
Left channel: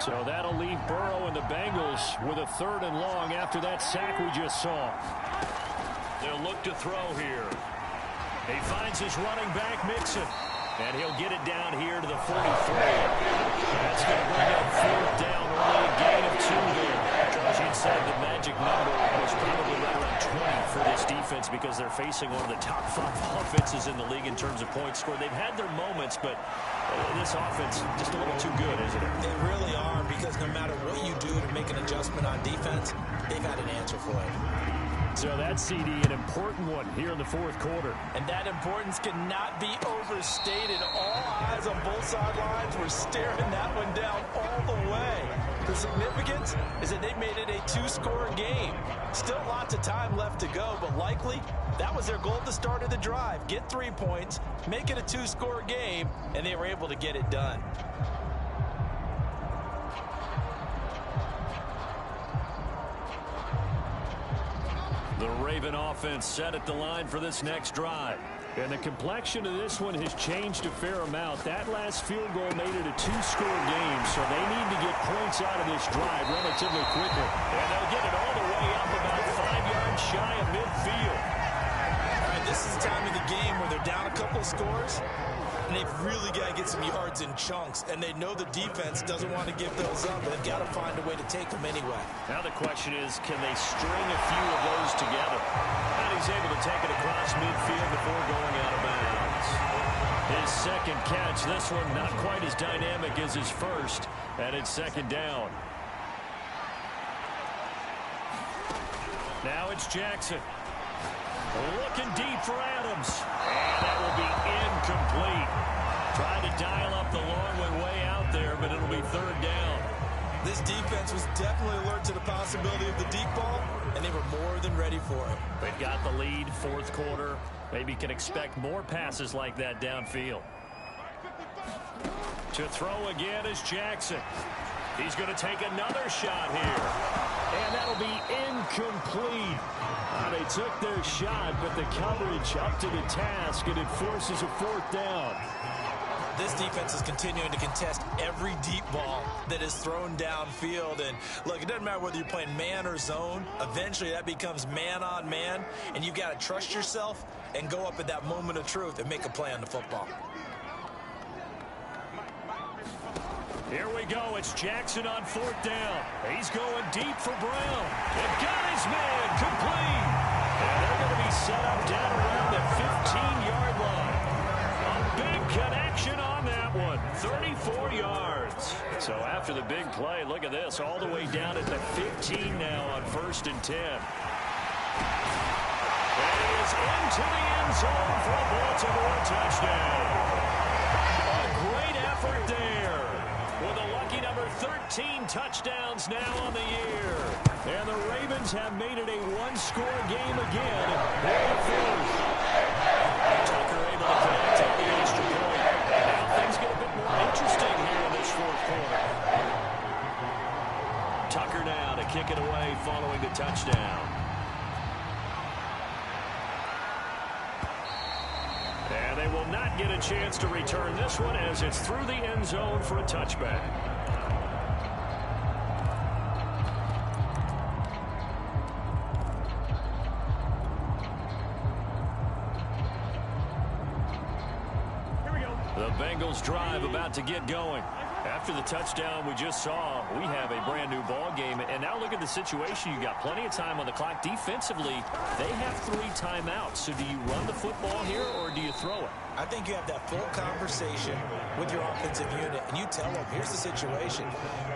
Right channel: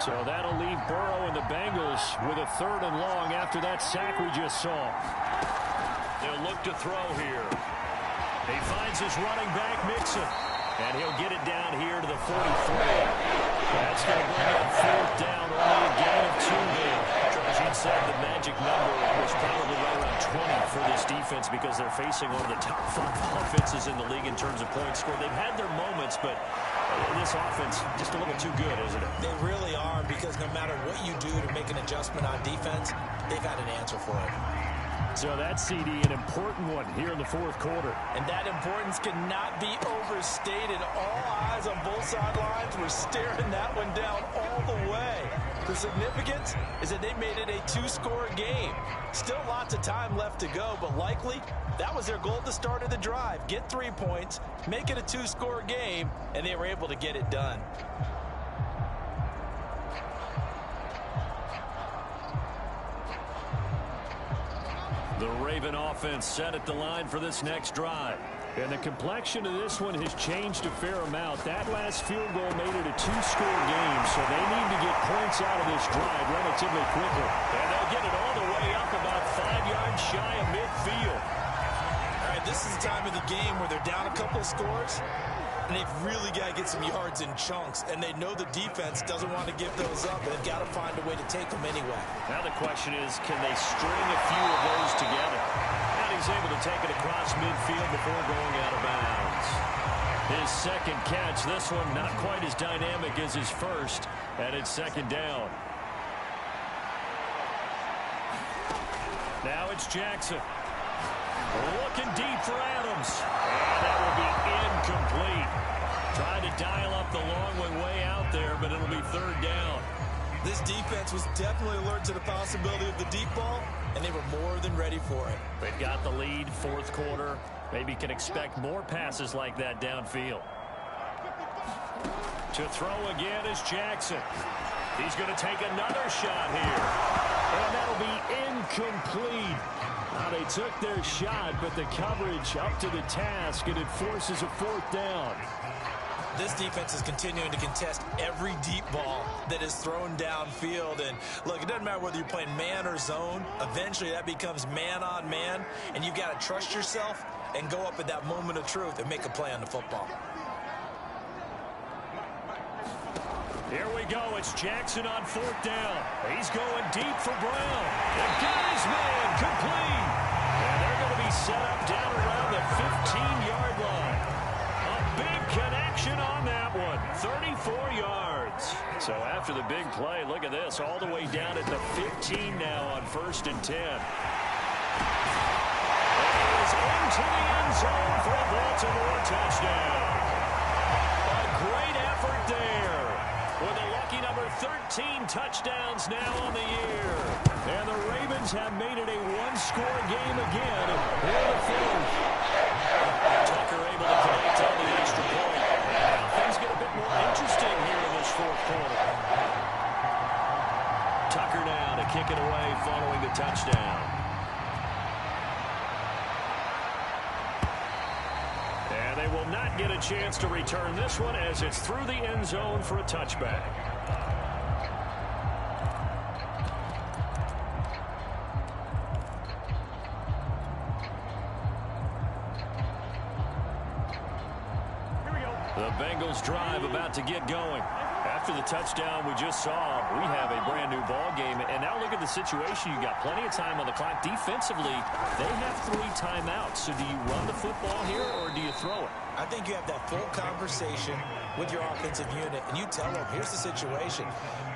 So that'll leave Burrow and the Bengals with a 3rd and long after that sack we just saw. They'll look to throw here. He finds his running back, Mixon. And he'll get it down here to the 43. That's going to bring up fourth down, only a gain of 2 there. Charles, you'd said the magic number was probably right around 20 for this defense because they're facing one of the top 5 offenses in the league in terms of points scored. They've had their moments, but this offense just a little too good, isn't it? They really are, because no matter what you do to make an adjustment on defense, they've had an answer for it. So that CD, an important one here in the fourth quarter. And that importance cannot be overstated. All eyes on both sidelines were staring that one down all the way. The significance is that they made it a 2-score game. Still lots of time left to go, but likely that was their goal at the start of the drive. Get 3 points, make it a 2-score game, and they were able to get it done. The Raven offense set at the line for this next drive. And the complexion of this one has changed a fair amount. That last field goal made it a 2-score game, so they need to get points out of this drive relatively quickly. And they'll get it all the way up about 5 yards shy of midfield. All right, this is the time of the game where they're down a couple of scores, and they've really got to get some yards in chunks, and they know the defense doesn't want to give those up. They've got to find a way to take them anyway. Now the question is, can they string a few of those together? And he's able to take it across midfield before going out of bounds. His second catch, this one not quite as dynamic as his first, and it's second down. Now it's Jackson. Looking deep for Adams. And that will be incomplete. Tried to dial up the long way out there, but it'll be third down. This defense was definitely alert to the possibility of the deep ball, and they were more than ready for it. They've got the lead, fourth quarter. Maybe can expect more passes like that downfield. To throw again is Jackson. He's going to take another shot here. And that'll be incomplete. They took their shot, but the coverage up to the task, and it forces a fourth down. This defense is continuing to contest every deep ball that is thrown downfield. And look, it doesn't matter whether you're playing man or zone. Eventually that becomes man on man, and you've got to trust yourself and go up at that moment of truth and make a play on the football. Here we go. It's Jackson on fourth down. He's going deep for Brown. And got his man complete. And they're going to be set up down around the 15-yard line. A big connection on that one. 34 yards. So after the big play, look at this. All the way down at the 15 now on 1st and 10. And he is into the end zone for a Baltimore touchdown. A great effort there. With a lucky number 13 touchdowns now on the year. And the Ravens have made it a 1-score game again here the fourth. Tucker able to connect on the extra point. And now things get a bit more interesting here in this fourth quarter. Tucker now to kick it away following the touchdown. And they will not get a chance to return this one as it's through the end zone for a touchback. Here we go. The Bengals drive about to get going. After the touchdown we just saw, we have a brand new ball game. And now look at the situation. You got plenty of time on the clock. Defensively, they have 3 timeouts. So do you run the football here or do you throw it? I think you have that full conversation with your offensive unit, and you tell them, here's the situation.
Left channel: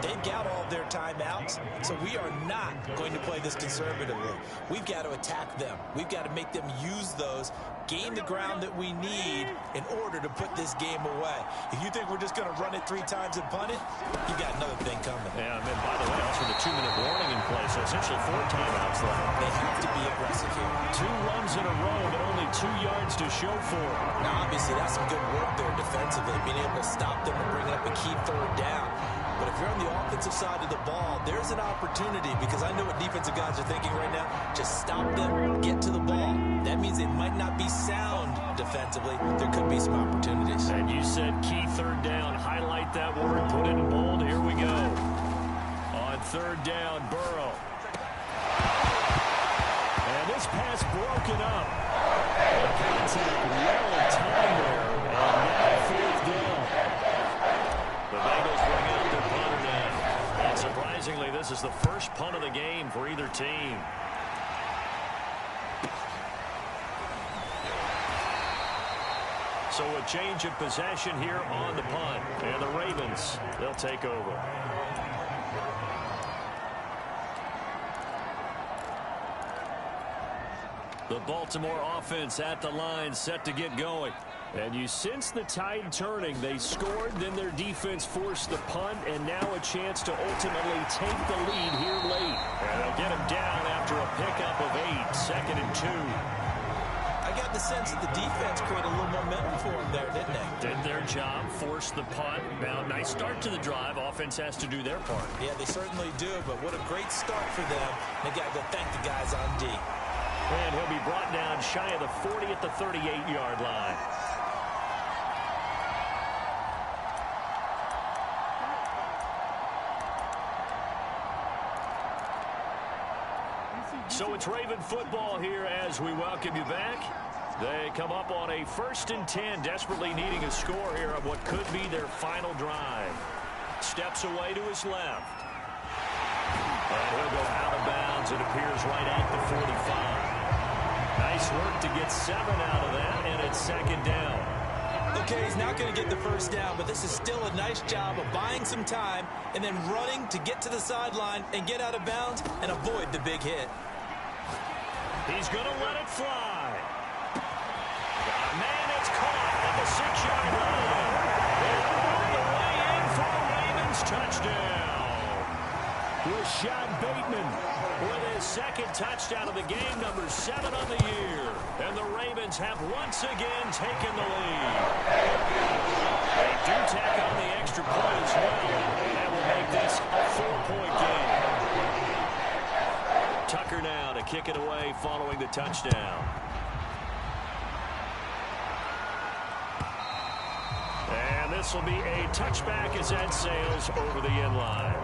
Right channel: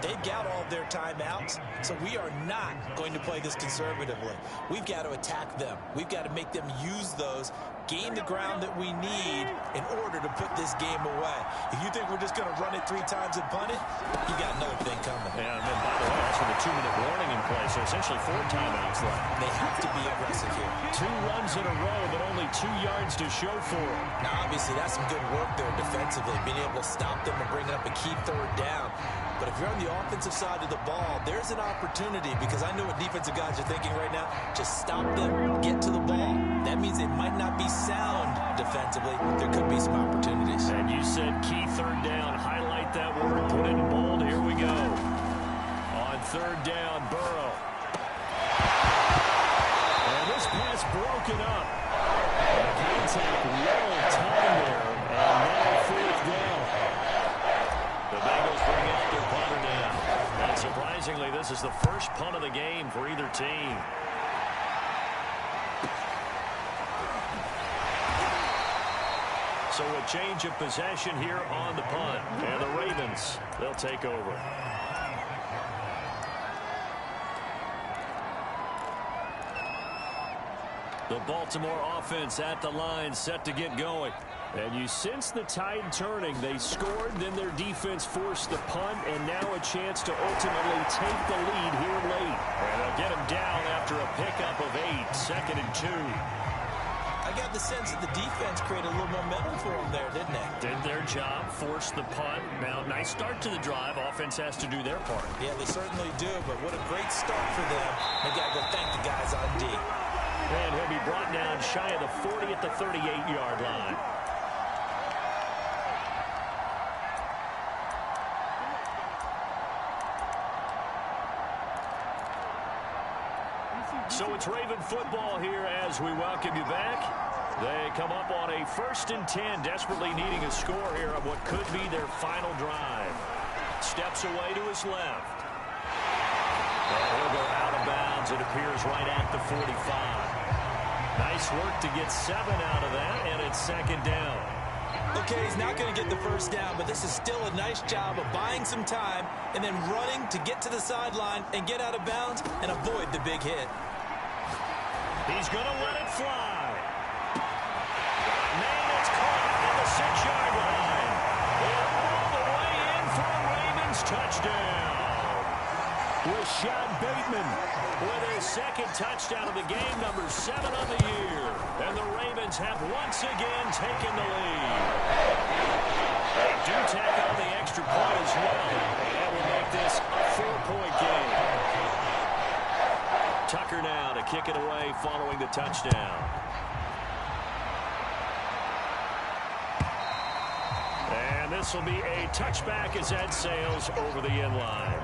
They've got all of their timeouts, so we are not going to play this conservatively. We've got to attack them. We've got to make them use those, gain the ground that we need in order to put this game away. If you think we're just going to run it 3 times and punt it, you got another thing coming. Yeah, and then, by the way, also the 2-minute warning in play, so essentially 4 timeouts left. They have to be aggressive here. 2 runs in a row, but only 2 yards to show for it. Now, obviously, that's some good work there defensively, being able to stop them and bringing up a key third down. But if you're on the offensive side of the ball, there's an opportunity, because I know what defensive guys are thinking right now. Just stop them, get to the ball. That means they might not be sound defensively, but there could be some opportunities. And you said key third down. Highlight that word, put it in bold. Here we go. On third down, Burrow. And this pass broken up. The contact well timed there, and now fourth down. The Bengals bring out their punter now. And surprisingly, this is the first punt of the game for either team. So a change of possession here on the punt. And the Ravens, they'll take over. The Baltimore offense at the line, set to get going. And you sense the tide turning. They scored, then their defense forced the punt, and now a chance to ultimately take the lead here late. And they'll get him down after a pickup of 8, 2nd and 2. I got the sense that the defense created a little momentum for them there, didn't they? Did their job, forced the punt. Now, nice start to the drive. Offense has to do their part. Yeah, they certainly do, but what a great start for them. They got to go thank the guys on D. And he'll be brought down shy of the 40 at the 38-yard line. So it's Raven football here as we welcome you back. They come up on a 1st and 10, desperately needing a score here on what could be their final drive. Steps away to his left. And he'll go out of bounds. It appears right at the 45. Nice work to get 7 out of that, and it's 2nd down. Okay, he's not going to get the first down, but this is still a nice job of buying some time and then running to get to the sideline and get out of bounds and avoid the big hit. He's going to let it fly. Man, it's caught at the 6-yard line. And all the way in for a Ravens touchdown. Rashad Bateman with his 2nd touchdown of the game, number 7 on the year. And the Ravens have once again taken the lead. They do tack on the extra point as well, and that will make this a 4-point game. Tucker now to kick it away following the touchdown. And this will be a touchback as Ed sails over the end line.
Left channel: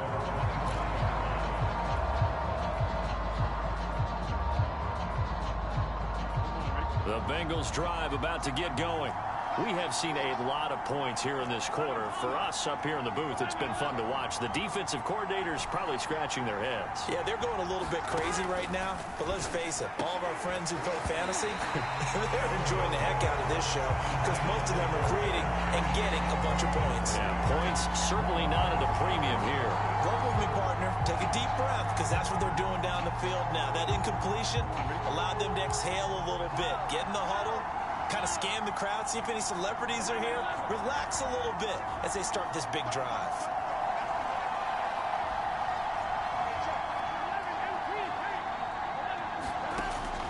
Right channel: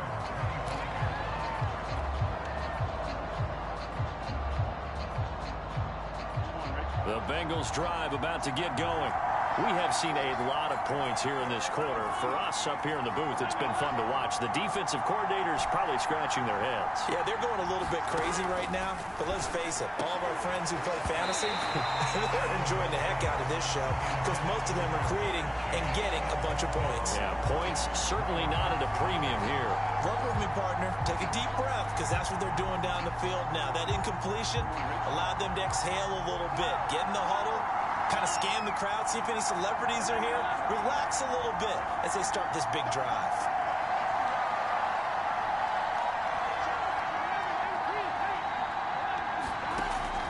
The Bengals drive about to get going. We have seen a lot of points here in this quarter. For us up here in the booth, it's been fun to watch. The defensive coordinators probably scratching their heads. Yeah, they're going a little bit crazy right now. But let's face it, all of our friends who play fantasy, they're enjoying the heck out of this show because most of them are creating and getting a bunch of points. Yeah, points certainly not at a premium here. Work with me, partner. Take a deep breath because that's what they're doing down the field now. That incompletion allowed them to exhale a little bit. Get in the huddle. Kind of scan the crowd, see if any celebrities are here. Relax a little bit as they start this big drive.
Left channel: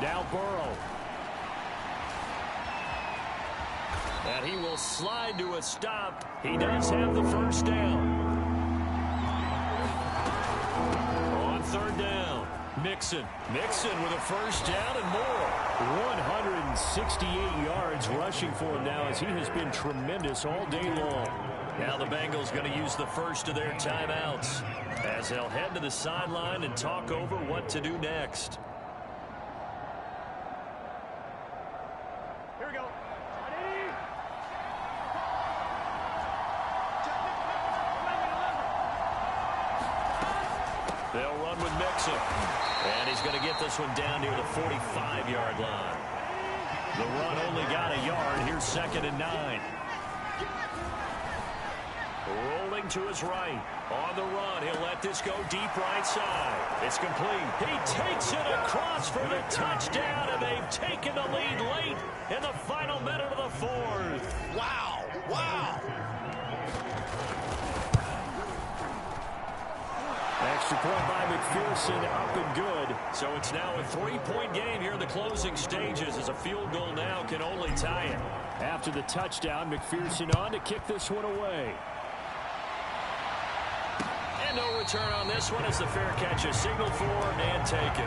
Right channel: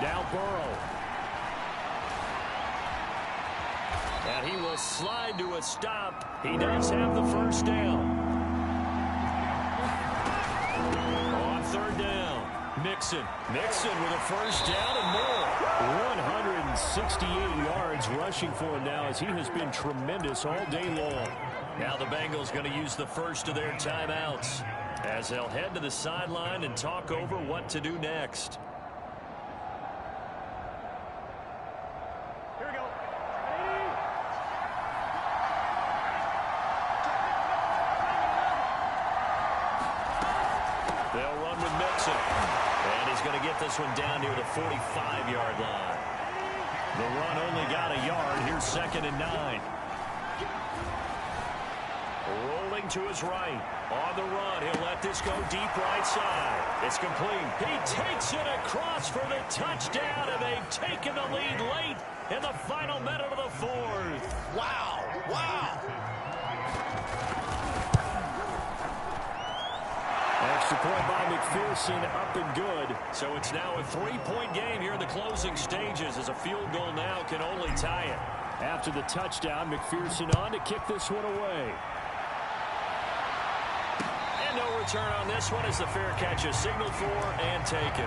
Now Burrow. And he will slide to a stop. He does have the first down. On 3rd down, Mixon with a first down and more. 168 yards rushing for him now as he has been tremendous all day long. Now the Bengals going to use the first of their timeouts as they'll head to the sideline and talk over what to do next. Here we go. They'll run with Mixon. And he's going to get this one down near the 45-yard line. The run only got a yard. Here's 2nd and 9. Rolling to his right. On the run, he'll let this go deep right side. It's complete. He takes it across for the touchdown, and they've taken the lead late in the final minute of the 4th. Wow. Wow. Extra point by McPherson, up and good. So it's now a 3-point game here in the closing stages as a field goal now can only tie it. After the touchdown, McPherson on to kick this one away. And no return on this one as the fair catch is signaled for and taken.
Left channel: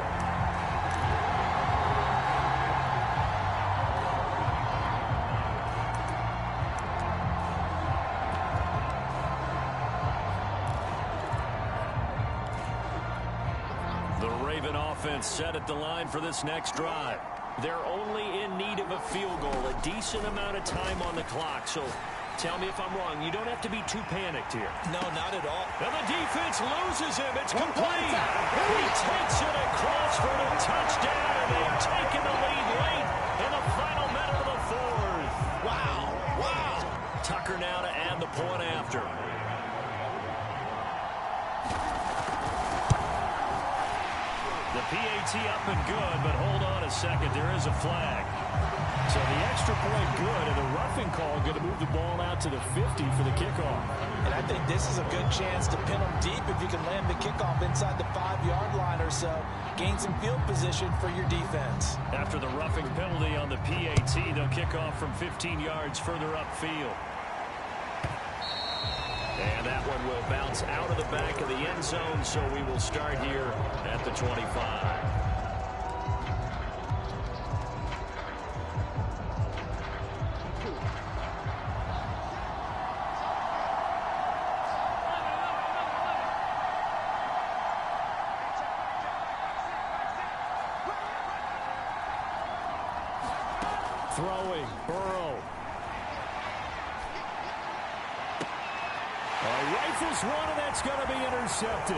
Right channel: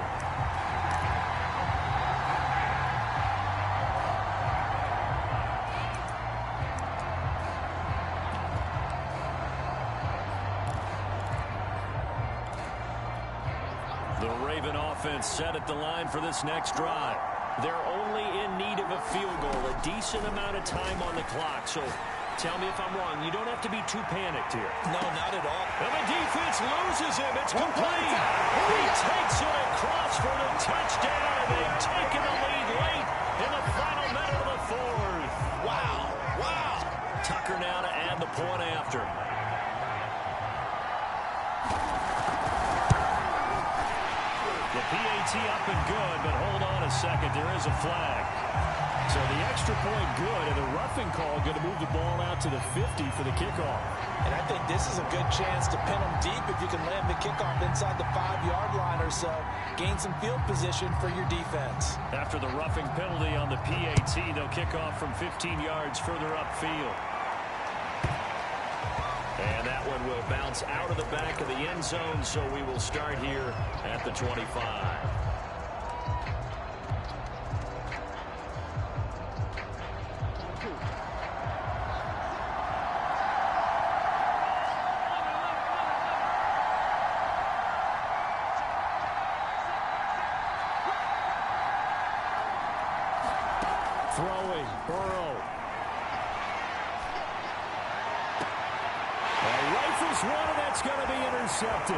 The Raven offense set at the line for this next drive. They're only in need of a field goal, a decent amount of time on the clock. So tell me if I'm wrong. You don't have to be too panicked here. No, not at all. And the defense loses him. It's complete. He takes it across for the touchdown, and they've taken the lead late in the final minute of the fourth. Wow. Wow. Tucker now to add the point after. The PAT up and good, but hold on a second. There is a flag. So the extra point good, and the roughing call going to move the ball out to the 50 for the kickoff. And I think this is a good chance to pin them deep if you can land the kickoff inside the 5-yard line or so. Gain some field position for your defense. After the roughing penalty on the PAT, they'll kick off from 15 yards further upfield. And that one will bounce out of the back of the end zone, so we will start here at the 25. Throwing, Burrow. He rifles one, and that's going to be intercepted.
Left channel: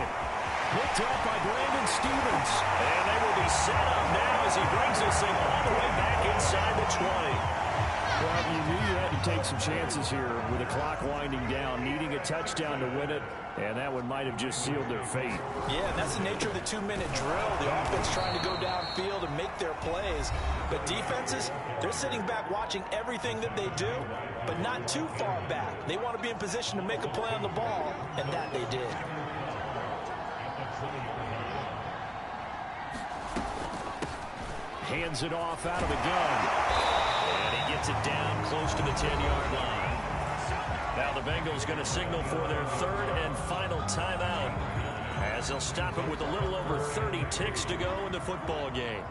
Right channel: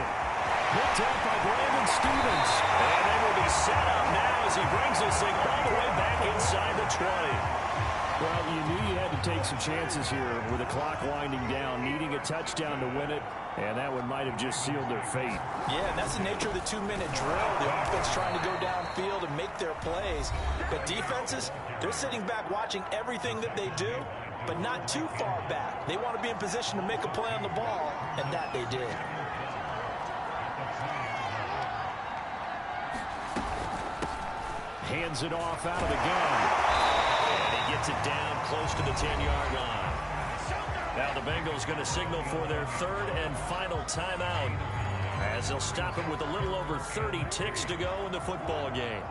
Picked up by Brandon Stevens. And they will be set up now as he brings this thing all the way back inside the 20. Well, you knew you had to take some chances here with the clock winding down, needing a touchdown to win it, and that one might have just sealed their fate. Yeah, and that's the nature of the 2-minute drill. The offense trying to go downfield and make their plays. But defenses, they're sitting back watching everything that they do, but not too far back. They want to be in position to make a play on the ball, and that they did. Hands it off out of the gun. And he gets it down close to the 10-yard line. Now the Bengals going to signal for their third and final timeout as they'll stop it with a little over 30 ticks to go in the football game.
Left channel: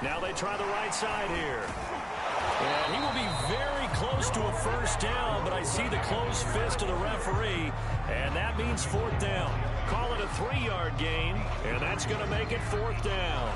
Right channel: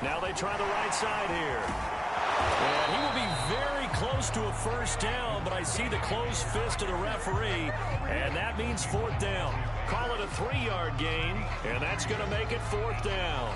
Now they try the right side here. And he will be very close to a first down, but I see the closed fist of the referee, and that means fourth down. Call it a 3-yard gain, and that's going to make it fourth down.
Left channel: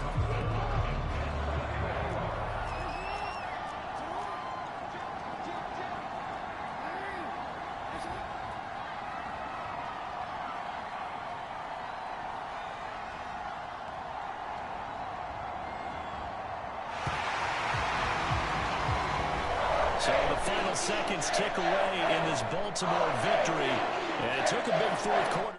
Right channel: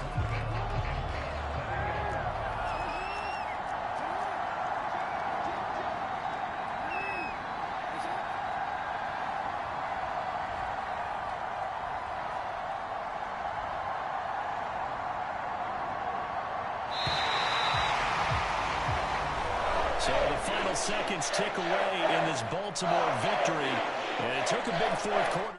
So the final seconds tick away in this Baltimore victory, and it took a big fourth quarter.